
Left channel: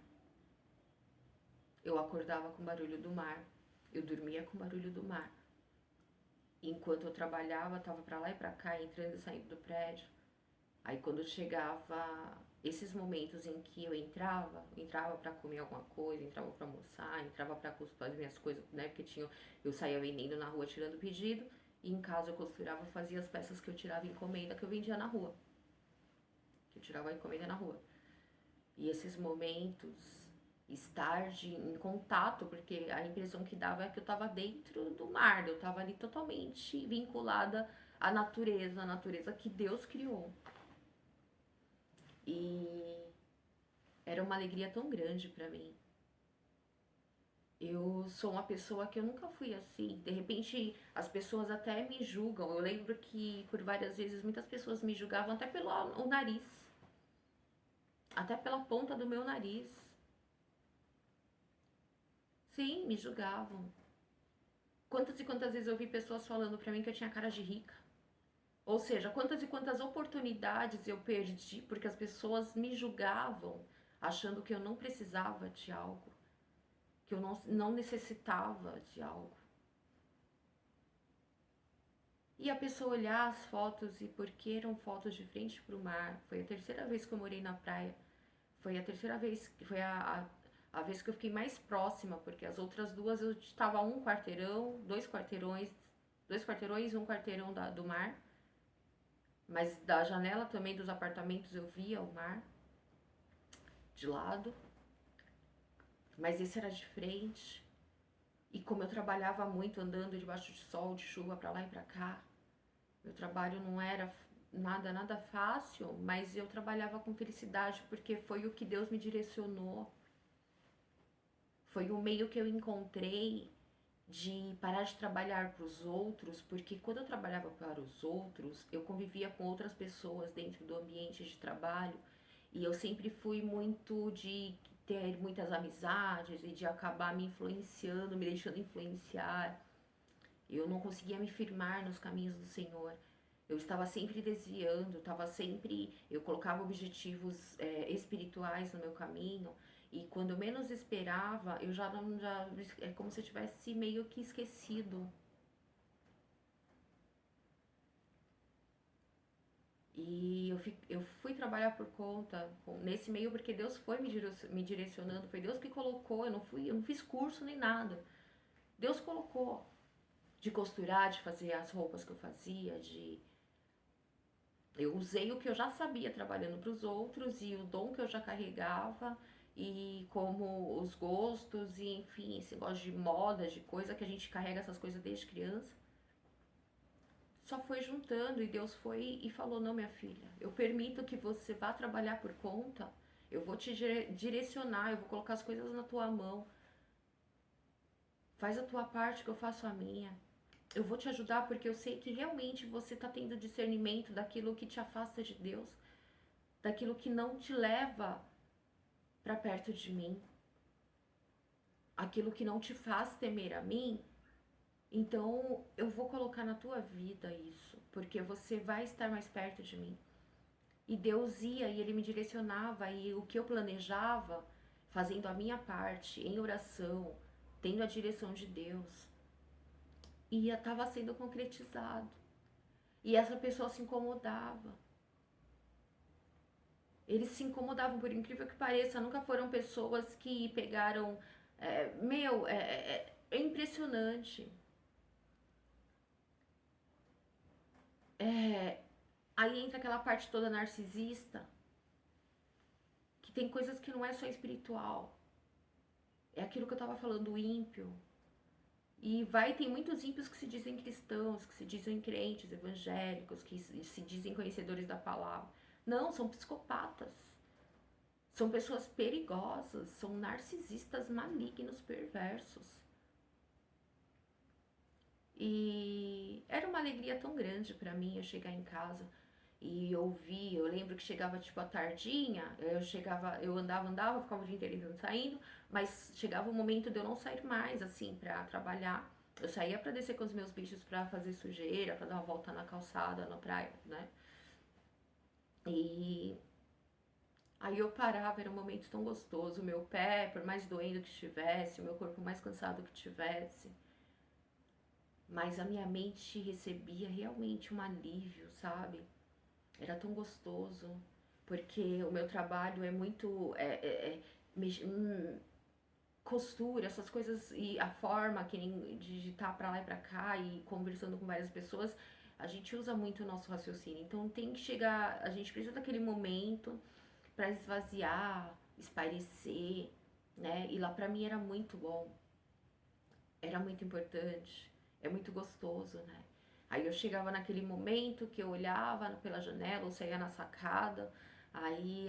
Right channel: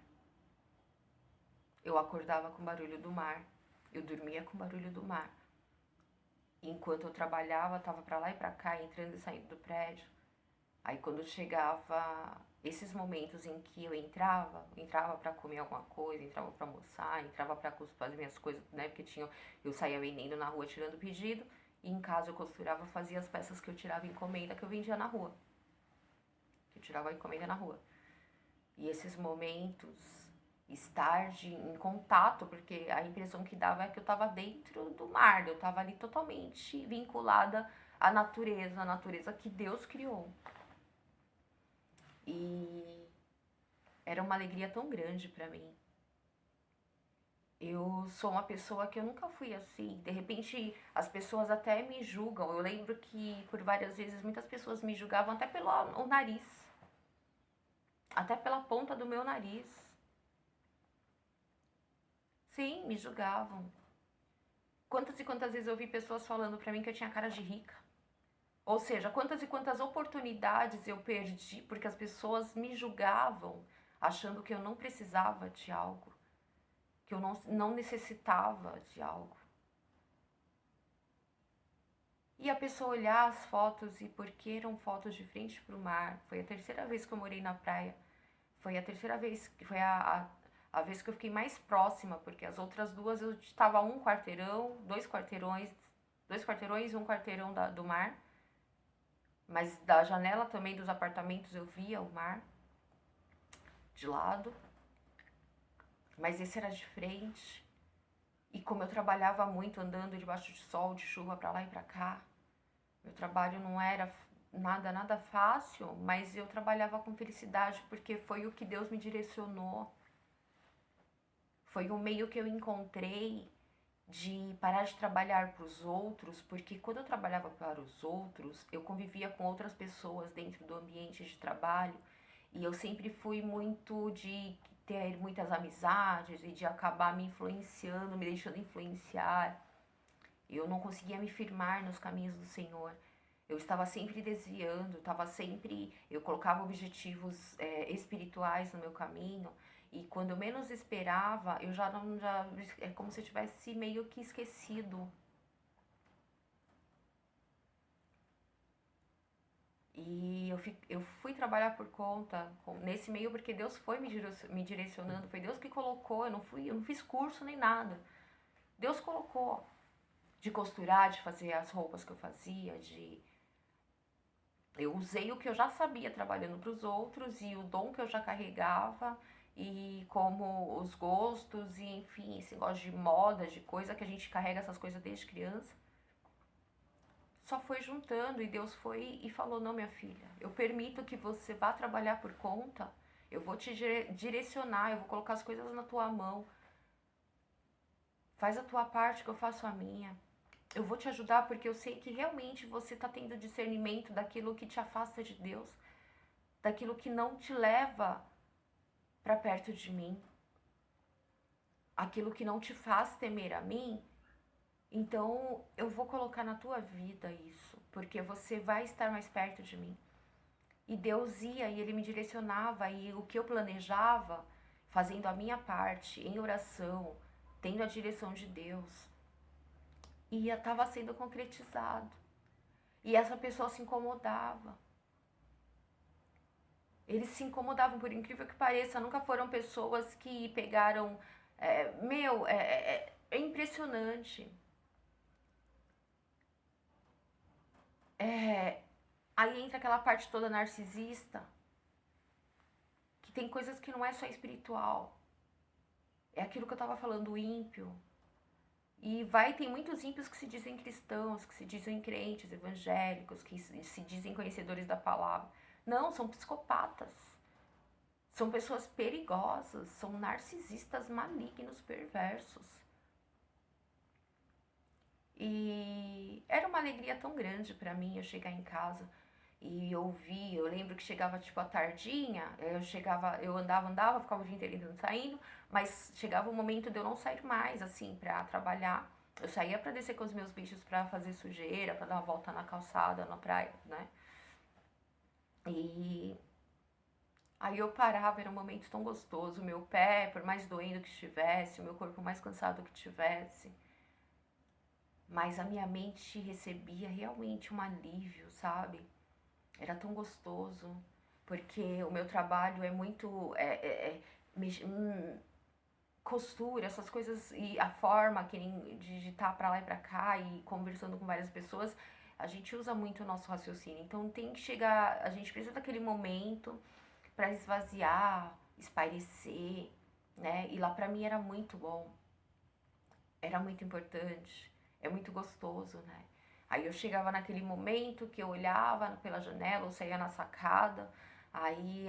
Eu acordava com o barulho do mar. Eu dormia com o barulho do mar. Enquanto eu trabalhava, tava pra lá e pra cá, entrando e saindo do prédio. Aí quando chegava esses momentos em que eu entrava pra comer alguma coisa, entrava pra almoçar, entrava pra costurar as minhas coisas, né? Porque eu saía vendendo na rua tirando pedido, e em casa eu costurava, fazia as peças que eu tirava encomenda que eu vendia na rua. Que eu tirava a encomenda na rua. E esses momentos, estar em contato, porque a impressão que dava é que eu estava dentro do mar, eu estava ali totalmente vinculada à natureza, a natureza que Deus criou. E era uma alegria tão grande pra mim. Eu sou uma pessoa que eu nunca fui assim. De repente, as pessoas até me julgam. Eu lembro que por várias vezes muitas pessoas me julgavam até pelo o nariz. Até pela ponta do meu nariz. Sim, me julgavam. Quantas e quantas vezes eu vi pessoas falando pra mim que eu tinha cara de rica. Ou seja, quantas e quantas oportunidades eu perdi porque as pessoas me julgavam, achando que eu não precisava de algo, que eu não necessitava de algo. E a pessoa olhar as fotos e porque eram fotos de frente para o mar. Foi a terceira vez que eu morei na praia. Foi a terceira vez, foi a vez que eu fiquei mais próxima, porque as outras duas eu estava a um quarteirão, dois quarteirões, um quarteirão do mar. Mas da janela também dos apartamentos eu via o mar de lado. Mas esse era de frente. E como eu trabalhava muito andando debaixo de sol, de chuva para lá e para cá, meu trabalho não era nada fácil, mas eu trabalhava com felicidade porque foi o que Deus me direcionou. Foi o meio que eu encontrei de parar de trabalhar para os outros, porque quando eu trabalhava para os outros, eu convivia com outras pessoas dentro do ambiente de trabalho e eu sempre fui muito de ter muitas amizades e de acabar me influenciando, me deixando influenciar. Eu não conseguia me firmar nos caminhos do Senhor. Eu estava sempre desviando, eu colocava objetivos espirituais no meu caminho e quando eu menos esperava, eu já não, já, é como se eu tivesse meio que esquecido. E eu fui trabalhar por conta nesse meio porque Deus foi me direcionando, foi Deus que colocou, eu não fiz curso nem nada. Deus colocou de costurar, de fazer as roupas que eu fazia, eu usei o que eu já sabia trabalhando para os outros e o dom que eu já carregava e como os gostos e enfim, esse negócio de moda, de coisa que a gente carrega essas coisas desde criança. Só foi juntando e Deus foi e falou: não, minha filha, eu permito que você vá trabalhar por conta, eu vou te direcionar, eu vou colocar as coisas na tua mão. Faz a tua parte que eu faço a minha. Eu vou te ajudar porque eu sei que realmente você está tendo discernimento daquilo que te afasta de Deus, daquilo que não te leva para perto de mim, aquilo que não te faz temer a mim. Então eu vou colocar na tua vida isso, porque você vai estar mais perto de mim. E Deus ia e Ele me direcionava e o que eu planejava, fazendo a minha parte em oração, tendo a direção de Deus, ia estava sendo concretizado. E essa pessoa se incomodava. Eles se incomodavam, por incrível que pareça, nunca foram pessoas que pegaram. É impressionante. Aí entra aquela parte toda narcisista, que tem coisas que não é só espiritual. É aquilo que eu tava falando, o ímpio. E tem muitos ímpios que se dizem cristãos, que se dizem crentes, evangélicos, que se dizem conhecedores da palavra. Não, são psicopatas. São pessoas perigosas, são narcisistas malignos, perversos. E era uma alegria tão grande para mim eu chegar em casa e ouvir. Eu lembro que chegava tipo à tardinha, eu andava, ficava o dia inteiro entrando e saindo, mas chegava o momento de eu não sair mais assim para trabalhar. Eu saía para descer com os meus bichos para fazer sujeira, para dar uma volta na calçada, na praia, né? E aí eu parava, era um momento tão gostoso, o meu pé, por mais doendo que estivesse, o meu corpo mais cansado que tivesse, mas a minha mente recebia realmente um alívio, sabe? Era tão gostoso, porque o meu trabalho é muito costura, essas coisas e a forma que de digitar pra lá e pra cá e conversando com várias pessoas, a gente usa muito o nosso raciocínio. Então tem que chegar, a gente precisa daquele momento para esvaziar, espairecer, né? E lá pra mim era muito bom, era muito importante, é muito gostoso, né? Aí eu chegava naquele momento que eu olhava pela janela ou saía na sacada, aí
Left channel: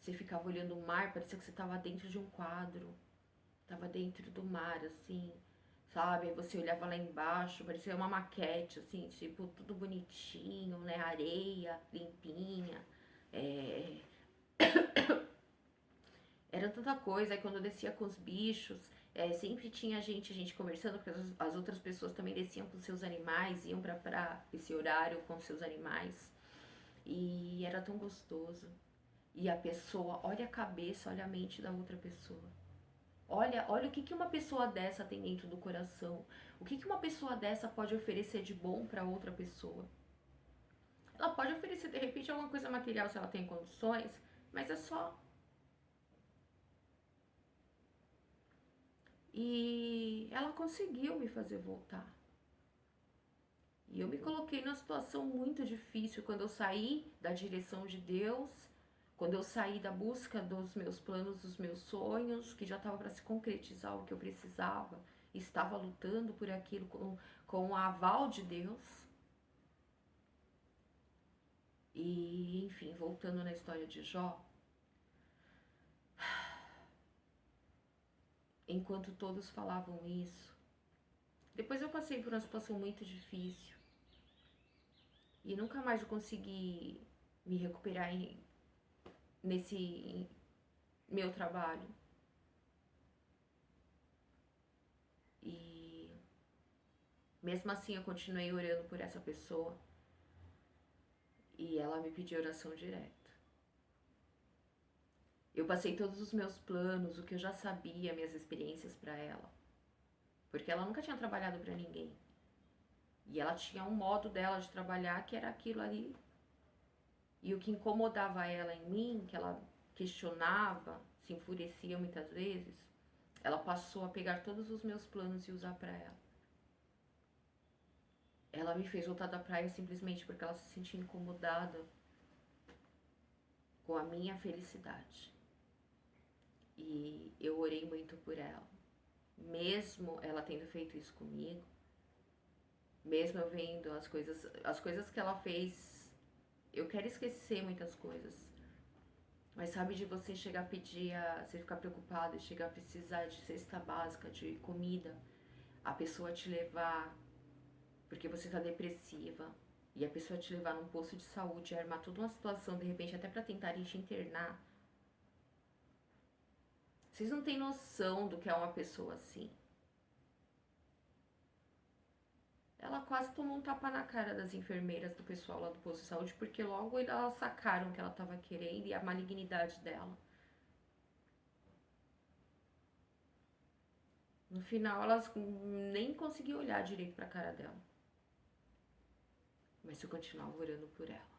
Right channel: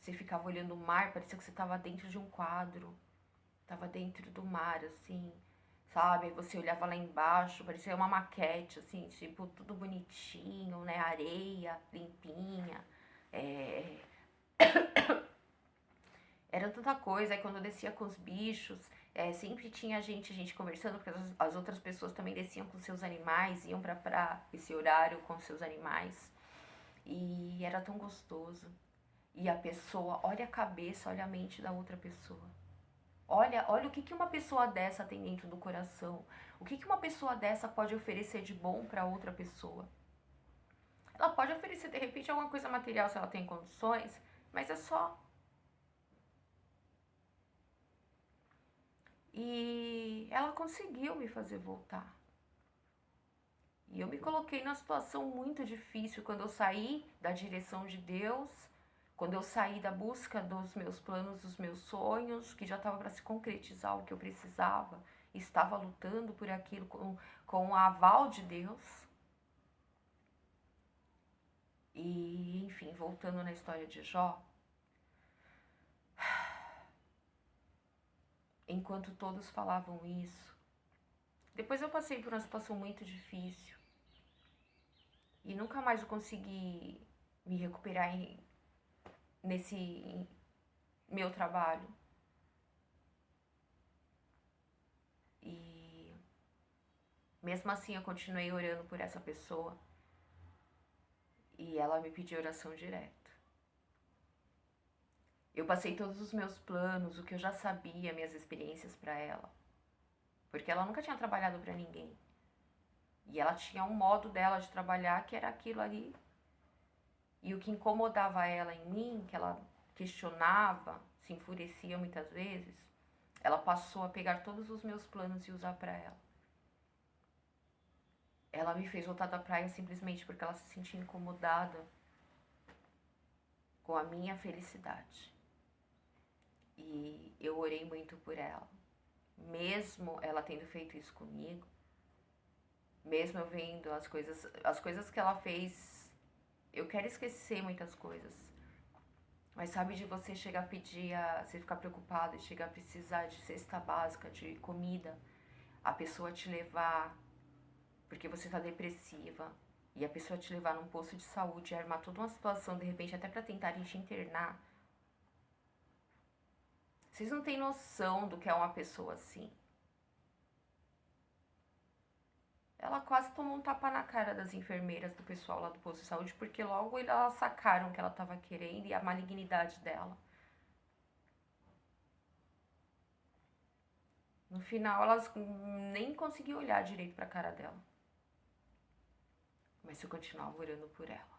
você ficava olhando o mar, parecia que você estava dentro de um quadro, estava dentro do mar, assim, sabe? Aí você olhava lá embaixo, parecia uma maquete, assim, tipo, tudo bonitinho, né? Areia limpinha, é... era tanta coisa. Aí quando eu descia com os bichos, Sempre tinha gente conversando, porque as outras pessoas também desciam com seus animais, iam pra esse horário com seus animais. E era tão gostoso. E a pessoa, olha a cabeça, olha a mente da outra pessoa. Olha o que uma pessoa dessa tem dentro do coração. O que uma pessoa dessa pode oferecer de bom para outra pessoa. Ela pode oferecer, de repente, alguma coisa material se ela tem condições, mas é só. E ela conseguiu me fazer voltar. E eu me coloquei numa situação muito difícil quando eu saí da direção de Deus, quando eu saí da busca dos meus planos, dos meus sonhos, que já estava para se concretizar o que eu precisava, estava lutando por aquilo com o aval de Deus. E, enfim, voltando na história de Jó, enquanto todos falavam isso, depois eu passei por uma situação muito difícil e nunca mais eu consegui me recuperar nesse meu trabalho. E mesmo assim eu continuei orando por essa pessoa e ela me pediu oração direta. Eu passei todos os meus planos, o que eu já sabia, minhas experiências para ela, porque ela nunca tinha trabalhado para ninguém. E ela tinha um modo dela de trabalhar que era aquilo ali. E o que incomodava ela em mim, que ela questionava, se enfurecia muitas vezes, ela passou a pegar todos os meus planos e usar para ela. Ela me fez voltar da praia simplesmente porque ela se sentia incomodada com a minha felicidade. E eu orei muito por ela. Mesmo ela tendo feito isso comigo, mesmo eu vendo as coisas que ela fez, eu quero esquecer muitas coisas. Mas sabe, de você chegar a pedir, você ficar preocupado e chegar a precisar de cesta básica, de comida, a pessoa te levar porque você tá depressiva e a pessoa te levar num posto de saúde e armar toda uma situação, de repente até pra tentarem te internar. Vocês não têm noção do que é uma pessoa assim. Ela quase tomou um tapa na cara das enfermeiras, do pessoal lá do posto de saúde, porque logo elas sacaram o que ela estava querendo e a malignidade dela. No final, elas nem conseguiam olhar direito pra cara dela. Mas eu continuava orando por ela.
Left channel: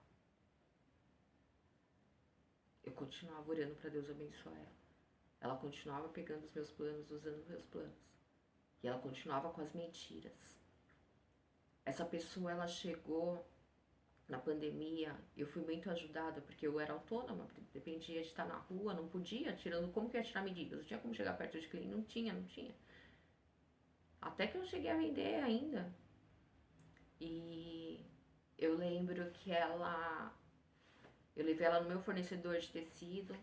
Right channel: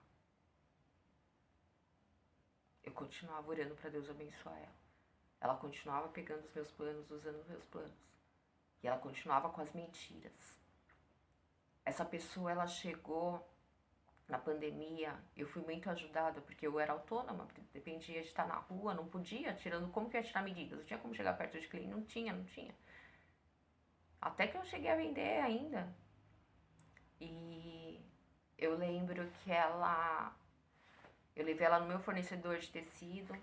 Eu continuava orando pra Deus abençoar ela. Ela continuava pegando os meus planos, usando os meus planos. E ela continuava com as mentiras. Essa pessoa, ela chegou na pandemia, eu fui muito ajudada, porque eu era autônoma, dependia de estar na rua, não podia, como que eu ia tirar medidas? Não tinha como chegar perto de cliente, não tinha. Até que eu cheguei a vender ainda. E eu lembro que eu levei ela no meu fornecedor de tecido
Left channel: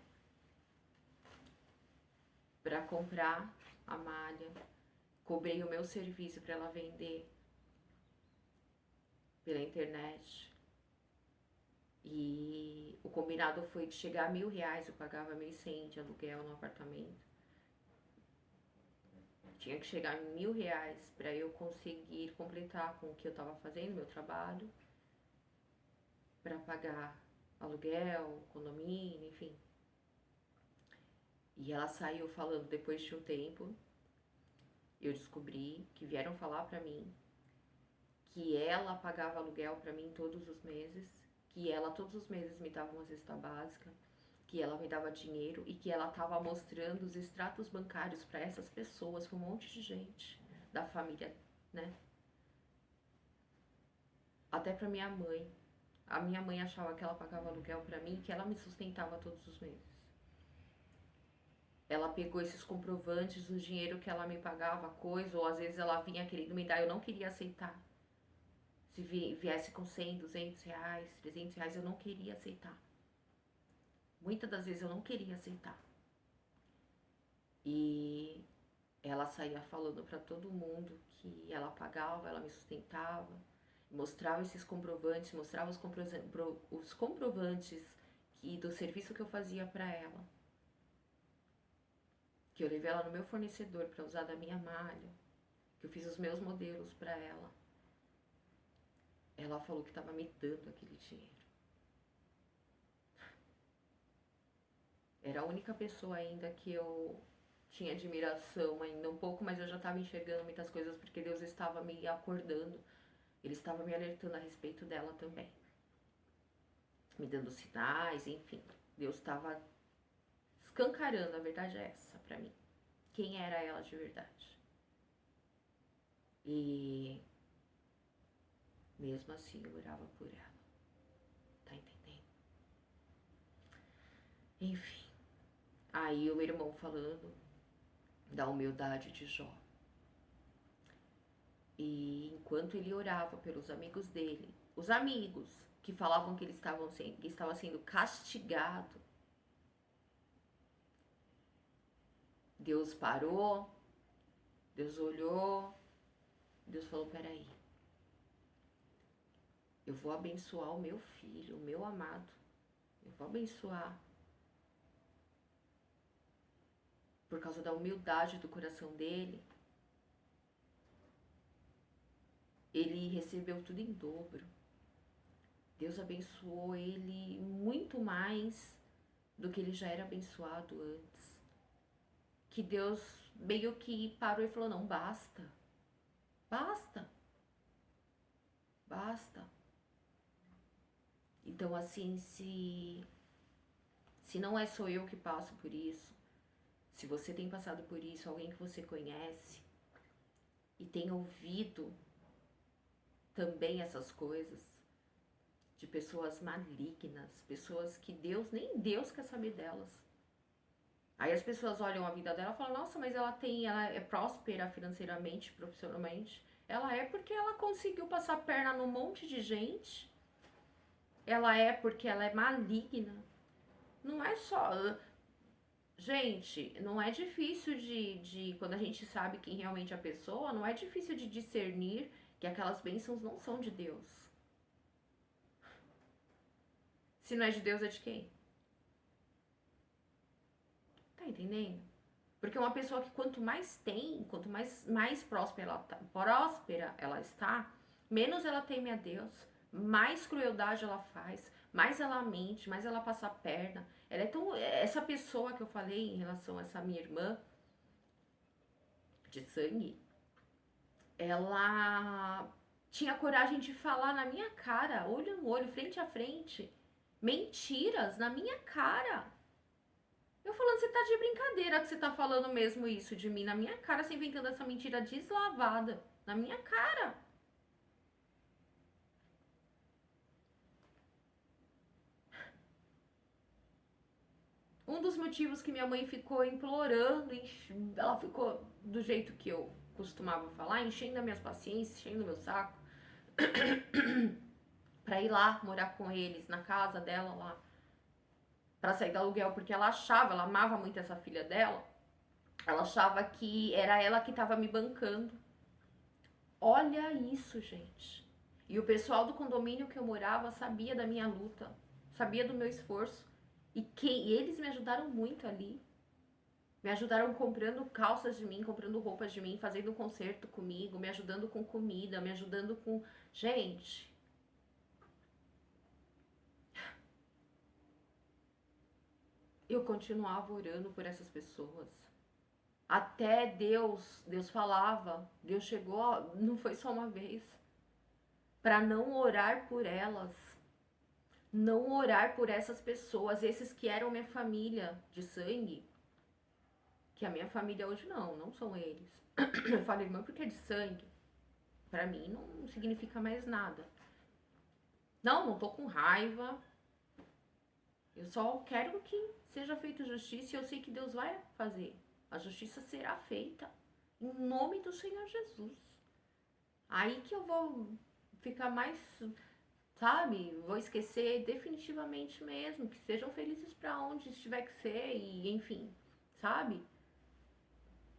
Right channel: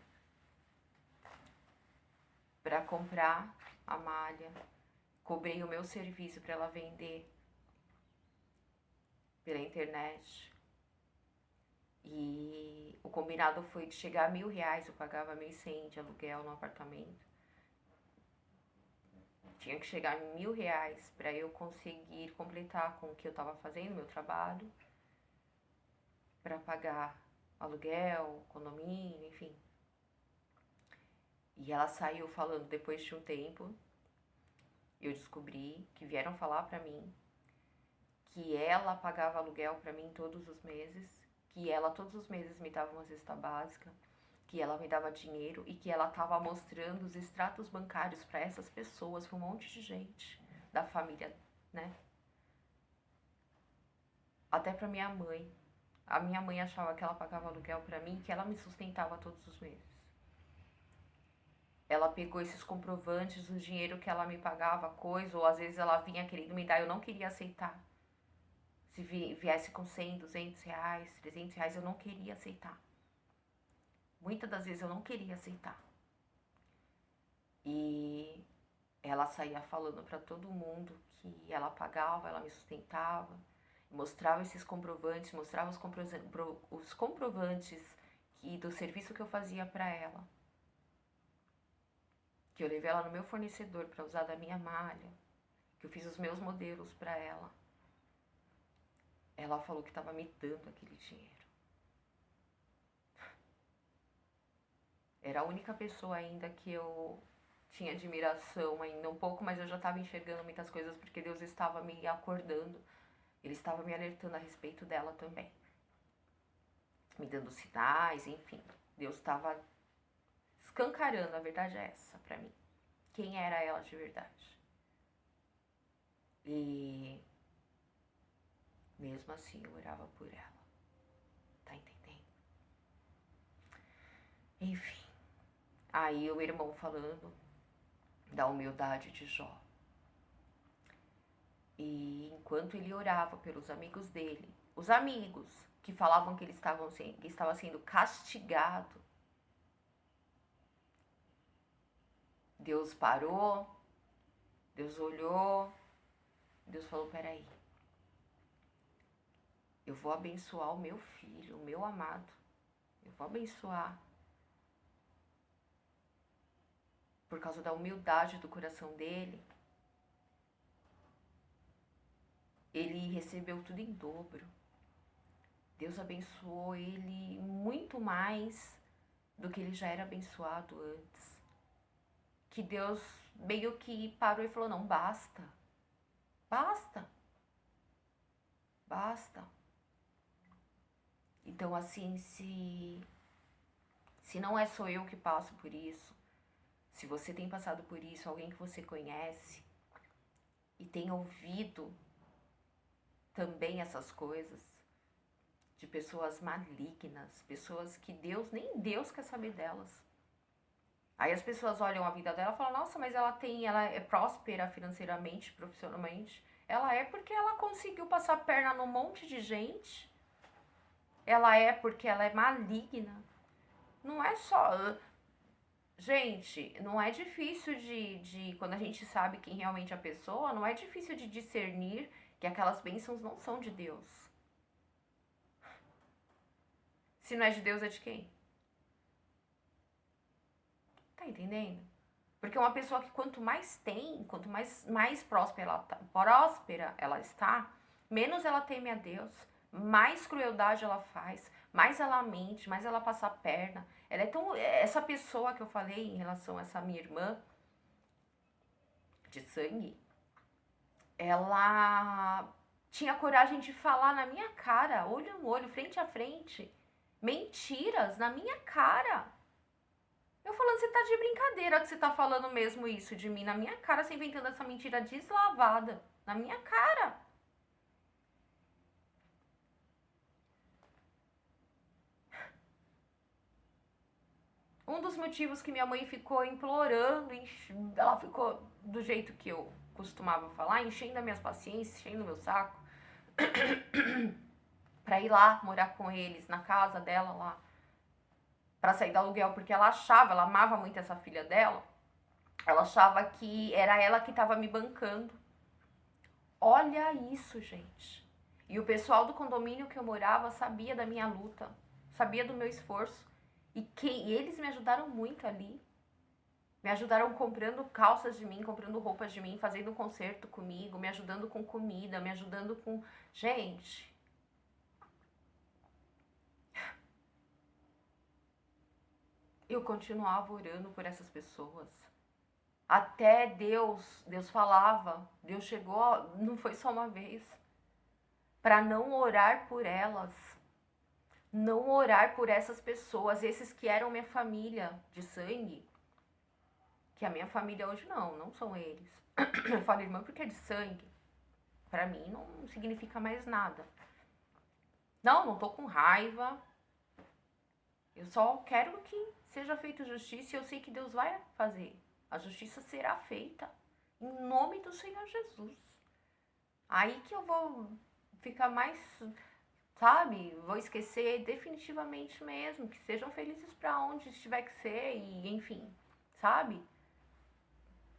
para comprar a malha, cobrei o meu serviço para ela vender pela internet. E o combinado foi de chegar a R$1.000, eu pagava 1.100 de aluguel no apartamento. Tinha que chegar a R$1.000 para eu conseguir completar com o que eu estava fazendo, meu trabalho, para pagar aluguel, condomínio, enfim. E ela saiu falando, depois de um tempo, eu descobri que vieram falar pra mim que ela pagava aluguel pra mim todos os meses, que ela todos os meses me dava uma cesta básica, que ela me dava dinheiro e que ela tava mostrando os extratos bancários pra essas pessoas, pra um monte de gente da família, né? Até pra minha mãe. A minha mãe achava que ela pagava aluguel pra mim, que ela me sustentava todos os meses. Ela pegou esses comprovantes do dinheiro que ela me pagava, coisa, ou às vezes ela vinha querendo me dar, eu não queria aceitar. Se viesse com 100, 200 reais, 300 reais, eu não queria aceitar. Muitas das vezes eu não queria aceitar. E ela saía falando pra todo mundo que ela pagava, ela me sustentava, mostrava esses comprovantes, mostrava os comprovantes do serviço que eu fazia pra ela. que eu levei ela no meu fornecedor para usar da minha malha, que eu fiz os meus modelos para ela, ela falou que estava me dando aquele dinheiro. Era a única pessoa ainda que eu tinha admiração ainda um pouco, mas eu já estava enxergando muitas coisas porque Deus estava me acordando. Ele estava me alertando a respeito dela também. Me dando sinais, enfim. Deus estava escancarando, a verdade é essa pra mim. Quem era ela de verdade. E mesmo assim eu orava por ela. Tá entendendo? Enfim. Aí o irmão falando da humildade de Jó. E enquanto ele orava pelos amigos dele, os amigos que falavam que ele estava sendo castigado, Deus parou, Deus olhou, Deus falou, peraí, eu vou abençoar o meu filho, o meu amado, eu vou abençoar por causa da humildade do coração dele. Ele recebeu tudo em dobro. Deus abençoou ele muito mais do que ele já era abençoado antes. Que Deus meio que parou e falou, não, basta. Basta. Basta. Então, assim, se não é só eu que passo por isso, se você tem passado por isso, alguém que você conhece e tem ouvido também essas coisas de pessoas malignas, pessoas que nem Deus quer saber delas. Aí as pessoas olham a vida dela e falam, nossa, mas ela é próspera financeiramente, profissionalmente. Ela é porque ela conseguiu passar perna num monte de gente. Ela é porque ela é maligna. Não é só... Gente, não é difícil quando a gente sabe quem realmente é a pessoa, não é difícil de discernir que aquelas bênçãos não são de Deus. Se não é de Deus, é de quem? Tá entendendo? Porque uma pessoa que quanto mais tem, quanto mais próspera ela está, menos ela teme a Deus, mais crueldade ela faz, mais ela mente, mais ela passa a perna. Ela é tão... Essa pessoa que eu falei em relação a essa minha irmã de sangue, ela tinha coragem de falar na minha cara, olho no olho, frente a frente, mentiras na minha cara. Eu falando, você tá de brincadeira que você tá falando mesmo isso de mim na minha cara, você inventando essa mentira deslavada na minha cara. Um dos motivos que minha mãe ficou implorando, ela ficou do jeito que eu costumava falar, enchendo as minhas paciências, enchendo o meu saco, pra ir lá morar com eles, na casa dela lá, pra sair do aluguel, porque ela amava muito essa filha dela, ela achava que era ela que tava me bancando. Olha isso, gente. E o pessoal do condomínio que eu morava sabia da minha luta, sabia do meu esforço. E eles me ajudaram muito ali. Me ajudaram comprando calças de mim, comprando roupas de mim, fazendo concerto comigo, me ajudando com comida, me ajudando com... Gente... Eu continuava orando por essas pessoas. Até Deus falava, Deus chegou, não foi só uma vez, para não orar por elas, não orar por essas pessoas, esses que eram minha família de sangue, que a minha família hoje não são eles. Eu falo irmã porque é de sangue, para mim não significa mais nada. Não tô com raiva, eu só quero que seja feita justiça e eu sei que Deus vai fazer. A justiça será feita em nome do Senhor Jesus. Aí que eu vou ficar mais, sabe? Vou esquecer definitivamente mesmo. Que sejam felizes para onde estiver que ser e, enfim, sabe?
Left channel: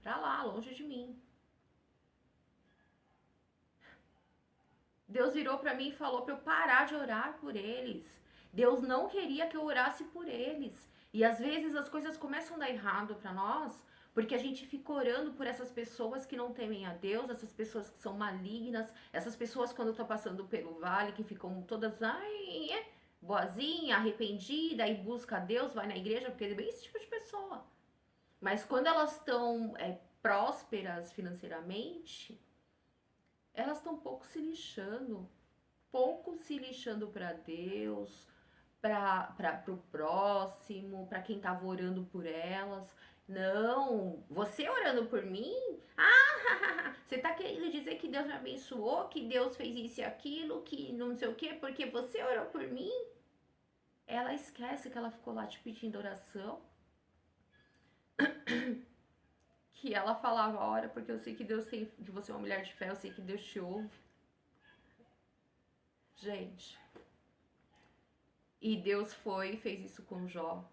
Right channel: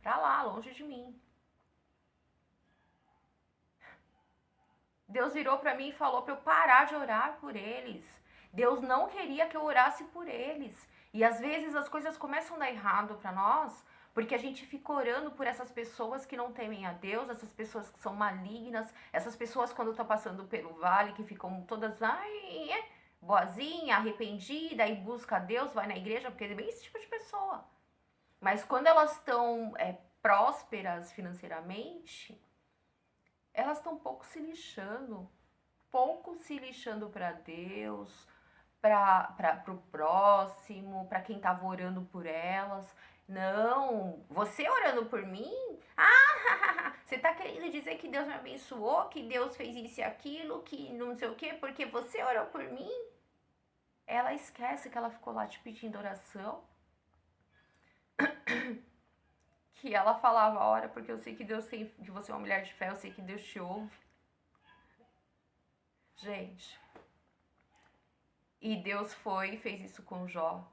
Pra lá, longe de mim. Deus virou pra mim e falou pra eu parar de orar por eles. Deus não queria que eu orasse por eles. E às vezes as coisas começam a dar errado pra nós Porque a gente fica orando por essas pessoas que não temem a Deus, essas pessoas que são malignas, essas pessoas quando estão passando pelo vale, que ficam todas, ai, boazinha, arrependida, e busca a Deus, vai na igreja, porque é bem esse tipo de pessoa. Mas quando elas estão prósperas financeiramente, elas estão pouco se lixando para Deus, para o próximo, para quem estava orando por elas. Não, você orando por mim? Ah, você tá querendo dizer que Deus me abençoou, que Deus fez isso e aquilo, que não sei o quê, porque você orou por mim? Ela esquece que ela ficou lá te pedindo oração. Que ela falava, ora, porque eu sei que Deus tem, que você é uma mulher de fé, eu sei que Deus te ouve. Gente. E Deus foi e fez isso com Jó.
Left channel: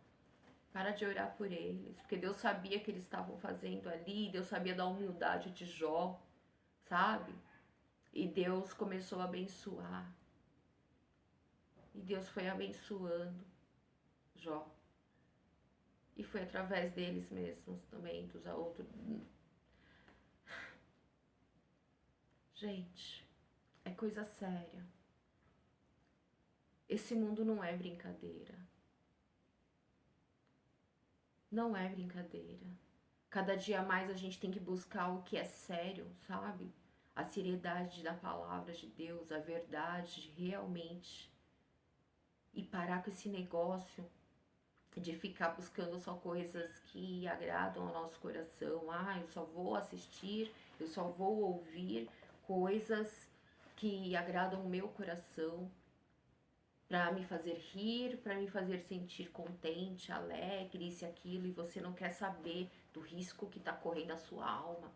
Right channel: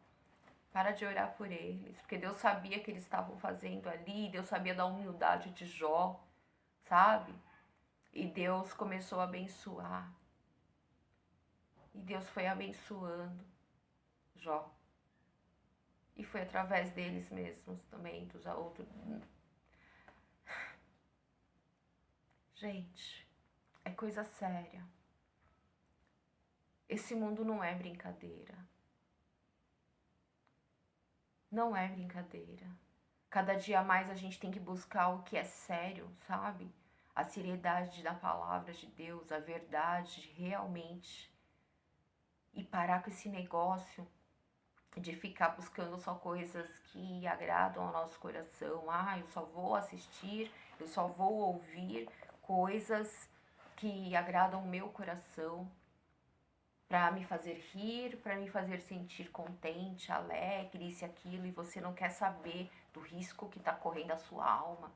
Para de orar por eles, porque Deus sabia que eles estavam fazendo ali, Deus sabia da humildade de Jó, sabe? E Deus começou a abençoar. E Deus foi abençoando Jó. E foi através deles mesmos também, dos outros. Gente, é coisa séria. Esse mundo não é brincadeira. Não é brincadeira. Cada dia mais a gente tem que buscar o que é sério, sabe? A seriedade da palavra de Deus, a verdade realmente. E parar com esse negócio de ficar buscando só coisas que agradam ao nosso coração. Ah, eu só vou assistir, eu só vou ouvir coisas que agradam o meu coração, para me fazer rir, para me fazer sentir contente, alegre, isso e aquilo, e você não quer saber do risco que está correndo a sua alma.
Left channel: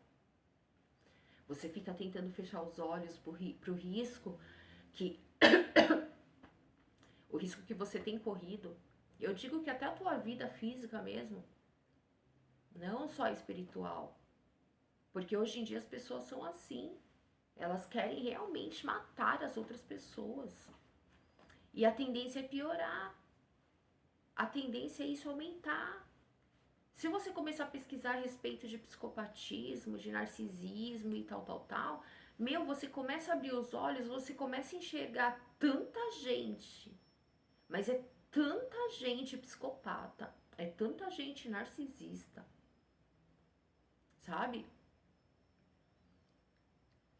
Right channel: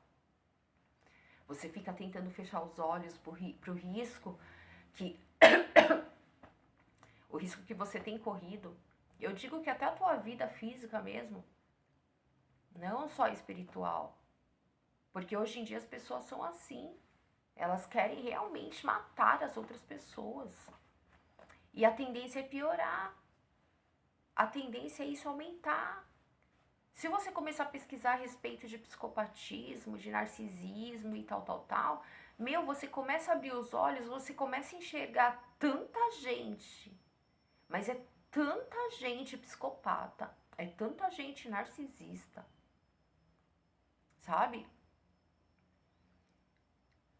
Você fica tentando fechar os olhos pro risco que o risco que você tem corrido. Eu digo que até a tua vida física mesmo, não só espiritual. Porque hoje em dia as pessoas são assim. Elas querem realmente matar as outras pessoas. E a tendência é piorar. A tendência é isso aumentar. Se você começar a pesquisar a respeito de psicopatismo, de narcisismo e tal, você começa a abrir os olhos, você começa a enxergar tanta gente, mas é tanta gente psicopata, é tanta gente narcisista, sabe?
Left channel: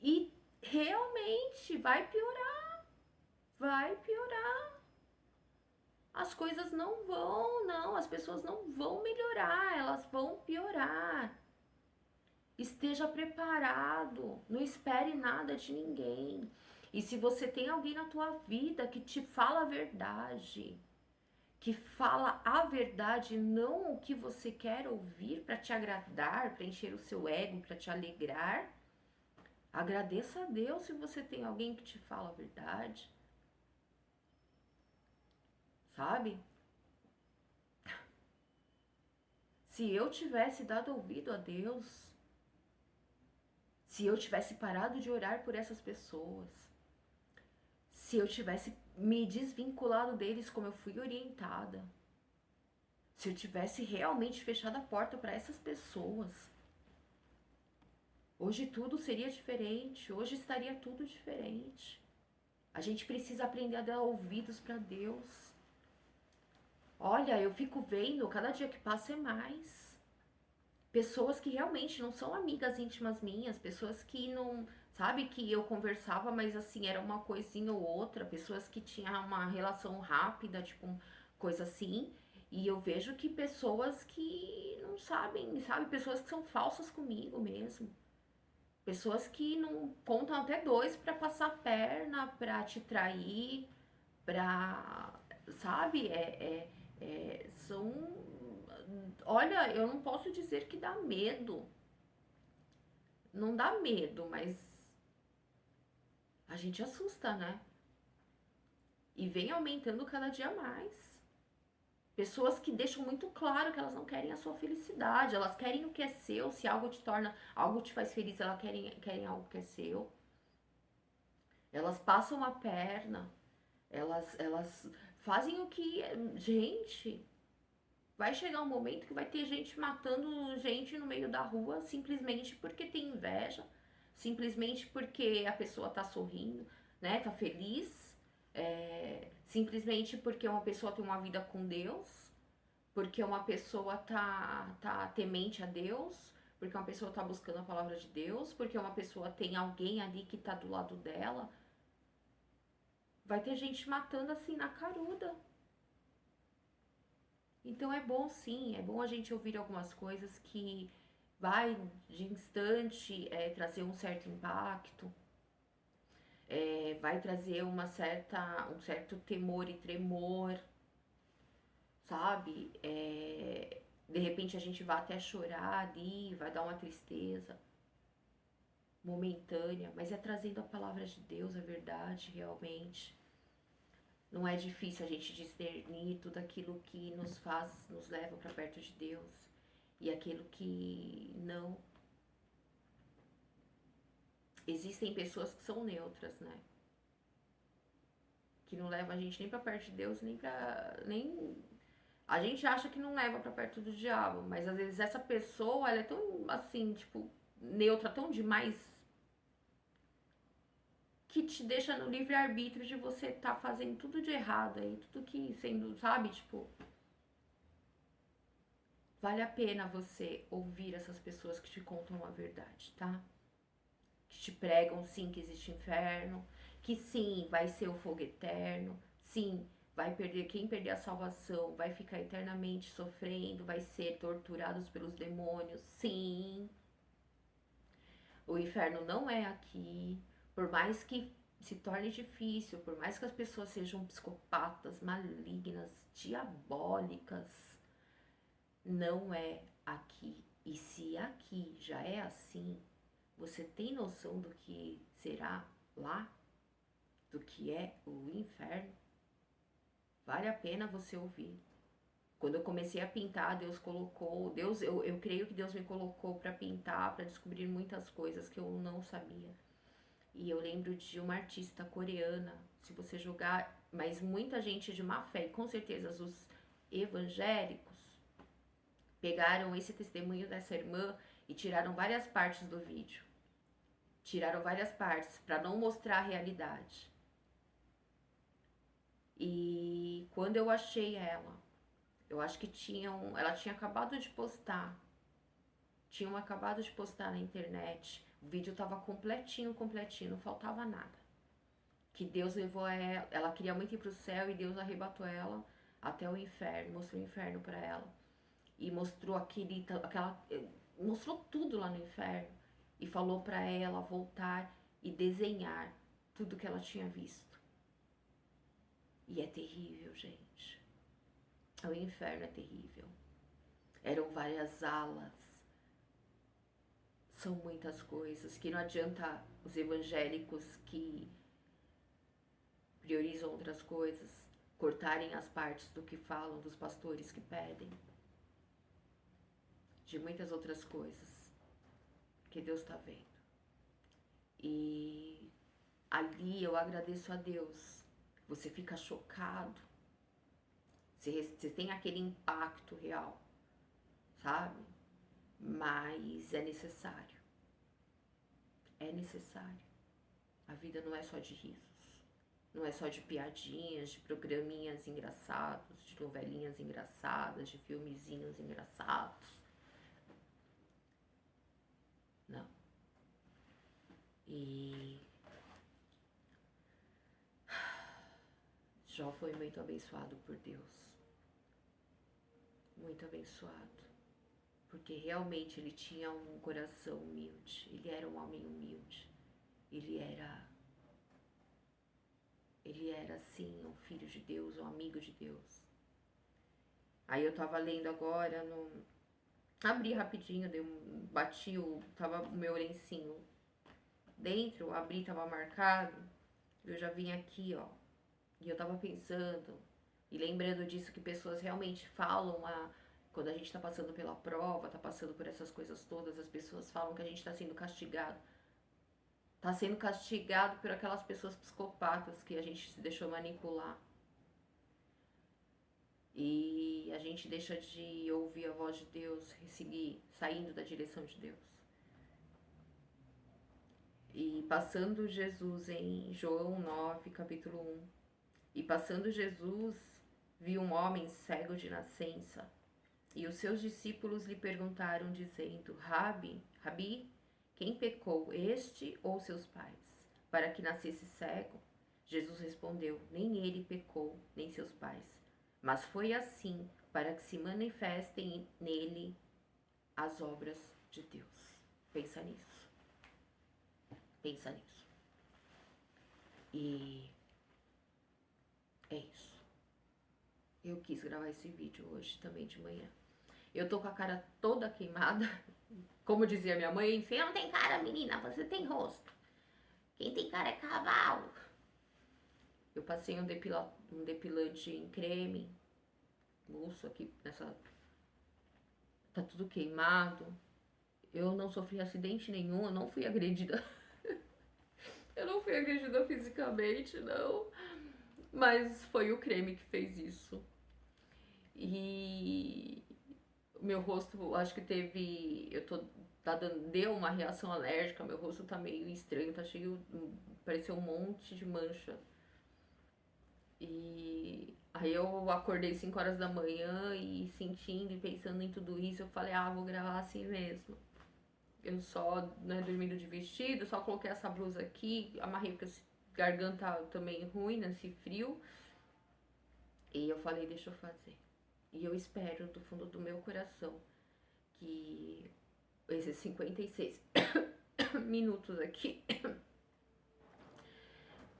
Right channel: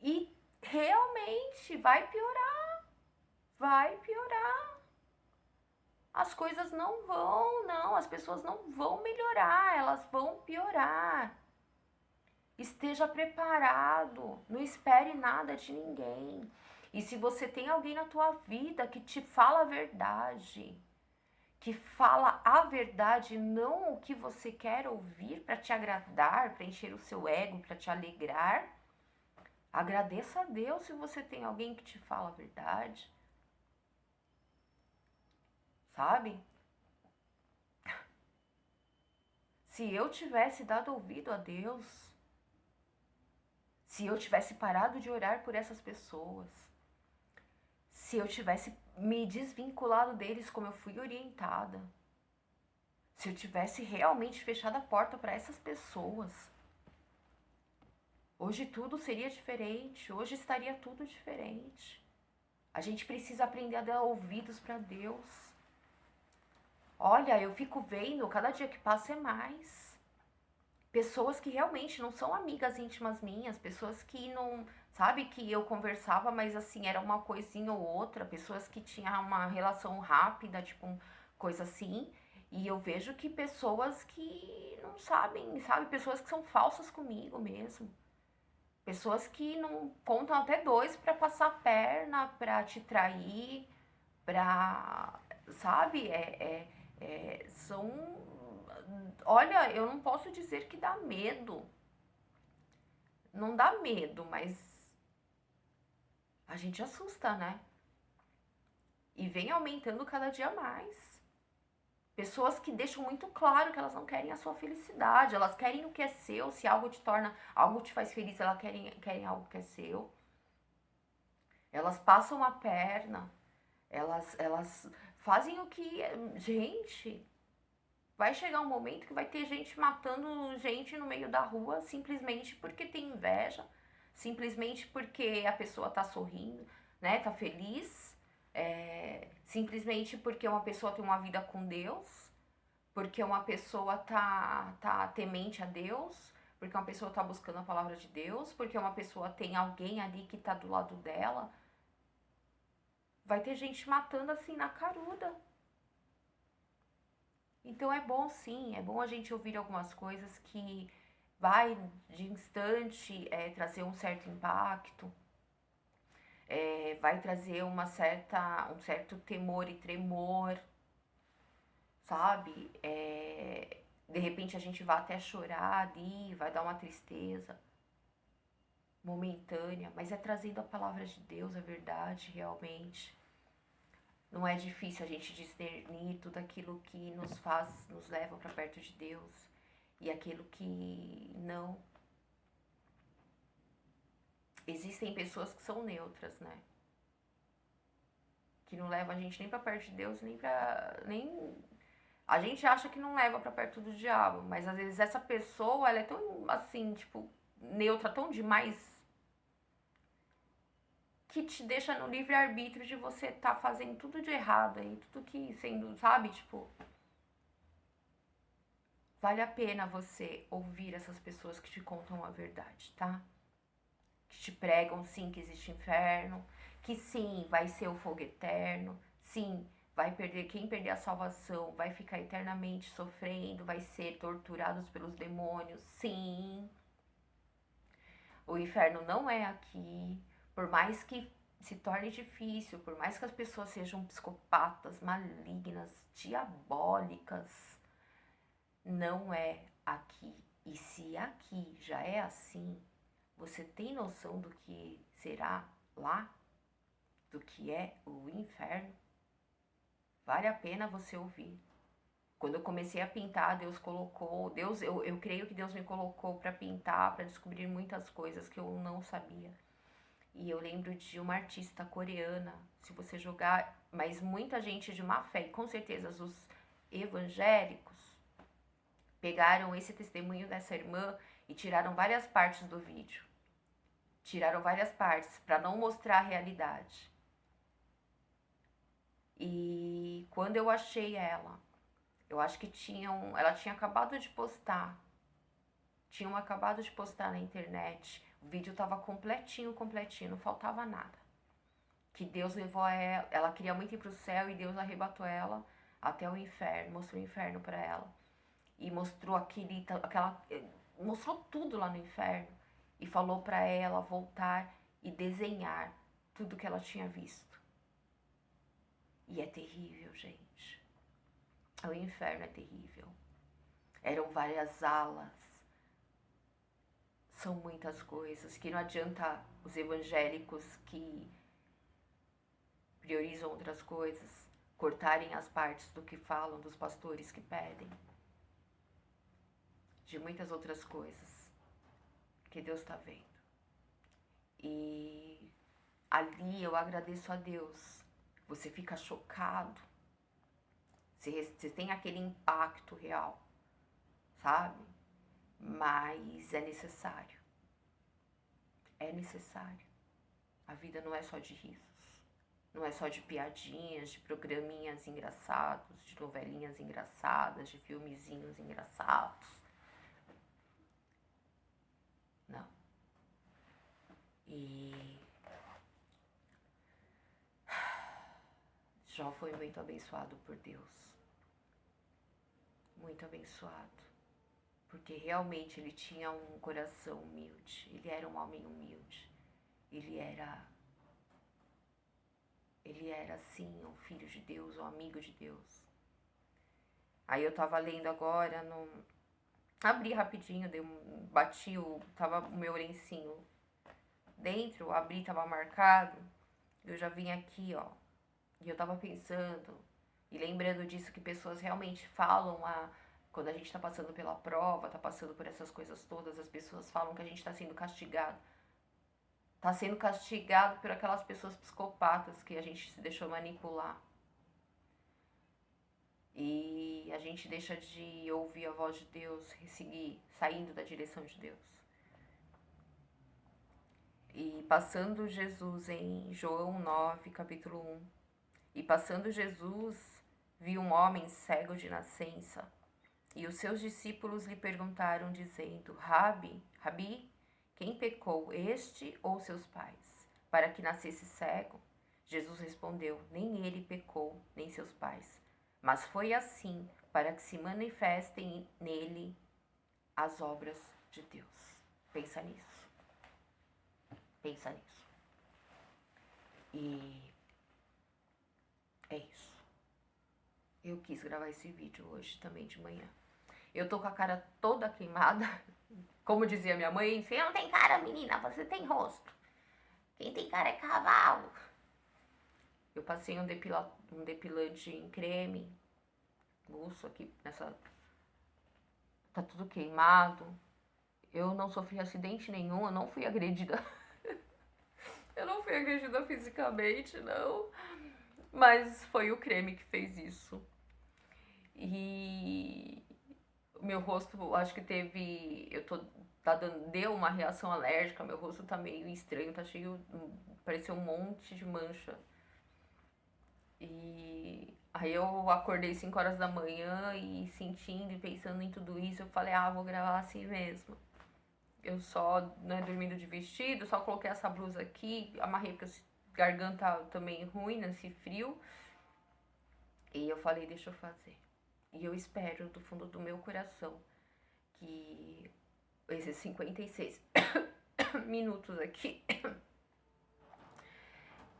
E realmente vai piorar, vai piorar. As coisas não, as pessoas não vão melhorar, elas vão piorar. Esteja preparado, não espere nada de ninguém. E se você tem alguém na tua vida que te fala a verdade, que fala a verdade, não o que você quer ouvir para te agradar, para encher o seu ego, para te alegrar, agradeça a Deus se você tem alguém que te fala a verdade. Sabe? Se eu tivesse dado ouvido a Deus, se eu tivesse parado de orar por essas pessoas, se eu tivesse me desvinculado deles como eu fui orientada, se eu tivesse realmente fechado a porta para essas pessoas, hoje tudo seria diferente, hoje estaria tudo diferente. A gente precisa aprender a dar ouvidos para Deus. Olha, eu fico vendo, cada dia que passa é mais. Pessoas que realmente não são amigas íntimas minhas, pessoas que não, sabe, que eu conversava, mas assim, era uma coisinha ou outra, pessoas que tinham uma relação rápida, tipo, coisa assim. E eu vejo que pessoas que não sabem, sabe, pessoas que são falsas comigo mesmo. Pessoas que não contam até dois pra passar a perna, pra te trair, pra, sabe, são... Olha, eu não posso dizer que dá medo. Não dá medo, mas a gente assusta, né? E vem aumentando cada dia mais. Pessoas que deixam muito claro que elas não querem a sua felicidade, elas querem o que é seu. Se algo te torna, algo te faz feliz, elas querem algo que é seu. Elas passam a perna, elas fazem o que... Gente, vai chegar um momento que vai ter gente matando gente no meio da rua simplesmente porque tem inveja, simplesmente porque a pessoa tá sorrindo, né? Tá feliz, simplesmente porque uma pessoa tem uma vida com Deus, porque uma pessoa tá temente a Deus, porque uma pessoa tá buscando a palavra de Deus, porque uma pessoa tem alguém ali que tá do lado dela. Vai ter gente matando assim na caruda. Então é bom sim, é bom a gente ouvir algumas coisas que vai de instante trazer um certo impacto, vai trazer um certo temor e tremor, sabe? De repente a gente vai até chorar ali, vai dar uma tristeza momentânea, mas é trazendo a palavra de Deus, a verdade realmente. Não é difícil a gente discernir tudo aquilo que nos leva para perto de Deus e aquilo que não. Existem pessoas que são neutras, né? Que não levam a gente nem para perto de Deus, nem a gente acha que não leva para perto do diabo, mas às vezes essa pessoa, ela é tão assim, tipo, neutra, tão demais que te deixa no livre-arbítrio de você tá fazendo tudo de errado aí, tudo que sendo, sabe, tipo, vale a pena você ouvir essas pessoas que te contam a verdade, tá? Que te pregam sim que existe inferno, que sim, vai ser o fogo eterno, sim, vai perder, quem perder a salvação vai ficar eternamente sofrendo, vai ser torturados pelos demônios, sim. O inferno não é aqui, por mais que se torne difícil, por mais que as pessoas sejam psicopatas, malignas, diabólicas, não é aqui. E se aqui já é assim, você tem noção do que será lá? Do que é o inferno? Vale a pena você ouvir. Quando eu comecei a pintar, Deus colocou, eu creio que Deus me colocou para pintar, para descobrir muitas coisas que eu não sabia. E eu lembro de uma artista coreana, se você jogar, mas muita gente de má fé, e com certeza os evangélicos, pegaram esse testemunho dessa irmã e tiraram várias partes do vídeo. Tiraram várias partes para não mostrar a realidade. E quando eu achei ela, eu acho que ela tinha acabado de postar. Tinham acabado de postar na internet. O vídeo tava completinho, completinho, não faltava nada. Que Deus levou ela queria muito ir pro céu e Deus arrebatou ela até o inferno, mostrou o inferno para ela. E mostrou mostrou tudo lá no inferno e falou para ela voltar e desenhar tudo que ela tinha visto. E é terrível, gente. O inferno é terrível. Eram várias alas. São muitas coisas que não adianta os evangélicos que priorizam outras coisas cortarem as partes do que falam, dos pastores que pedem, de muitas outras coisas que Deus está vendo. E ali eu agradeço a Deus. Você fica chocado. Você tem aquele impacto real, sabe? Mas é necessário. É necessário. A vida não é só de risos. Não é só de piadinhas, de programinhas engraçados, de novelinhas engraçadas, de filmezinhos engraçados. Não. E Jó foi muito abençoado por Deus. Muito abençoado. Porque realmente ele tinha um coração humilde. Ele era um homem humilde. Ele era assim, um filho de Deus, um amigo de Deus. Aí eu tava lendo agora, abri rapidinho, tava o meu lencinho dentro, abri, tava marcado. Eu já vim aqui, ó. E eu tava pensando e lembrando disso que pessoas realmente falam quando a gente tá passando pela prova, tá passando por essas coisas todas, as pessoas falam que a gente tá sendo castigado. Tá sendo castigado por aquelas pessoas psicopatas que a gente se deixou manipular. E a gente deixa de ouvir a voz de Deus, seguir saindo da direção de Deus. E passando Jesus em João 9, capítulo 1, e passando Jesus, viu um homem cego de nascença, e os seus discípulos lhe perguntaram, dizendo: Rabi, quem pecou, este ou seus pais, para que nascesse cego? Jesus respondeu: nem ele pecou, nem seus pais, mas foi assim para que se manifestem nele as obras de Deus. Pensa nisso. Pensa nisso. E é isso. Eu quis gravar esse vídeo hoje também de manhã. Eu tô com a cara toda queimada. Como dizia minha mãe, você não tem cara, menina, você tem rosto. Quem tem cara é cavalo. Eu passei um depilante em creme. Buço aqui nessa... Tá tudo queimado. Eu não sofri acidente nenhum, eu não fui agredida. Eu não fui agredida fisicamente, não. Mas foi o creme que fez isso. E o meu rosto, acho que teve... deu uma reação alérgica, meu rosto tá meio estranho, tá cheio... Pareceu um monte de mancha. E aí eu acordei 5 horas da manhã e sentindo e pensando em tudo isso, eu falei, vou gravar assim mesmo. Eu só, dormindo de vestido, só coloquei essa blusa aqui, amarrei porque a garganta também ruim nesse frio. E eu falei, deixa eu fazer. E eu espero do fundo do meu coração que esses 56 minutos aqui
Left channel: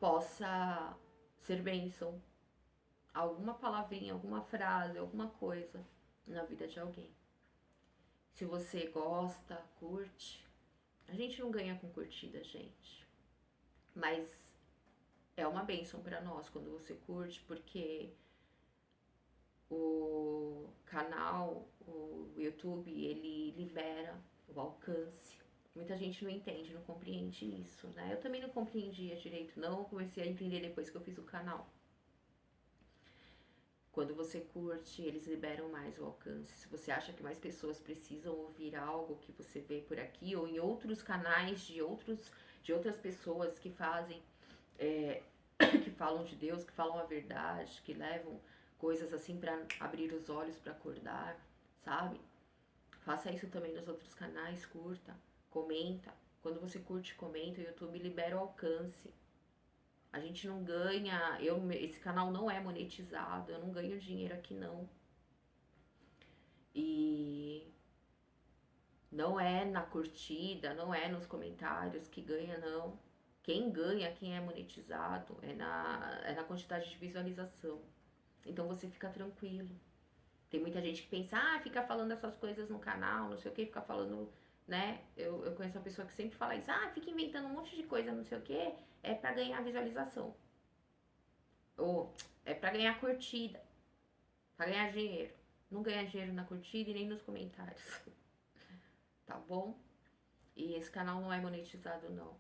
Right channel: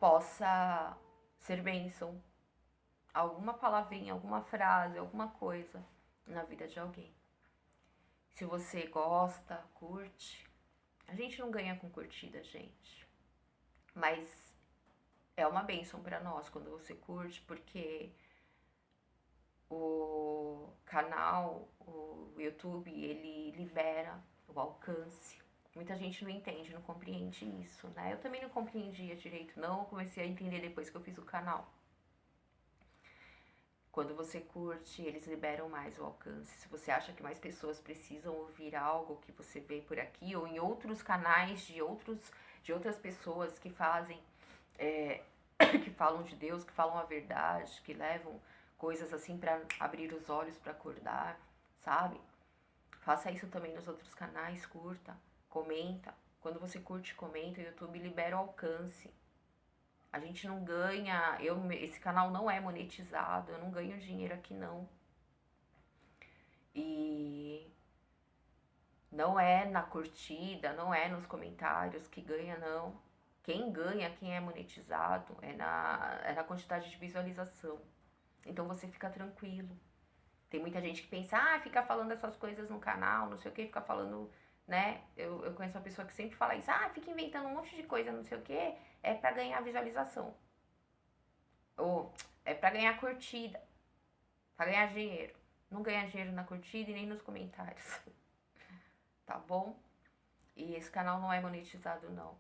possa ser bênção. Alguma palavrinha, alguma frase, alguma coisa na vida de alguém. Se você gosta, curte. A gente não ganha com curtida, gente. Mas é uma bênção pra nós quando você curte, porque o canal, o YouTube, ele libera o alcance. Muita gente não entende, não compreende isso, né? Eu também não compreendia direito, não. Eu comecei a entender depois que eu fiz o canal. Quando você curte, eles liberam mais o alcance. Se você acha que mais pessoas precisam ouvir algo que você vê por aqui, ou em outros canais de outras pessoas que fazem, que falam de Deus, que falam a verdade, que levam coisas assim para abrir os olhos, para acordar, sabe? Faça isso também nos outros canais, curta, comenta. Quando você curte e comenta, o YouTube libera o alcance. A gente não ganha, esse canal não é monetizado, eu não ganho dinheiro aqui não. E não é na curtida, não é nos comentários que ganha não. Quem ganha, quem é monetizado, é na quantidade de visualização. Então você fica tranquilo. Tem muita gente que pensa, fica falando essas coisas no canal, não sei o que, fica falando, né? Eu conheço uma pessoa que sempre fala isso, fica inventando um monte de coisa, não sei o que, é pra ganhar visualização. Ou é pra ganhar curtida, pra ganhar dinheiro. Não ganha dinheiro na curtida e nem nos comentários. Tá bom? E esse canal não é monetizado, não.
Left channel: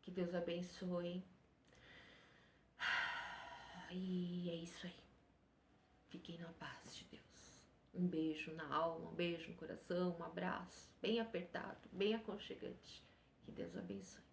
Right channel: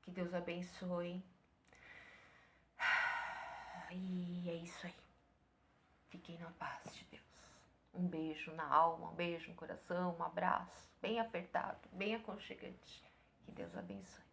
Que Deus abençoe. E é isso aí. Fiquem na paz de Deus. Um beijo na alma, um beijo no coração, um abraço bem apertado, bem aconchegante. Que Deus abençoe.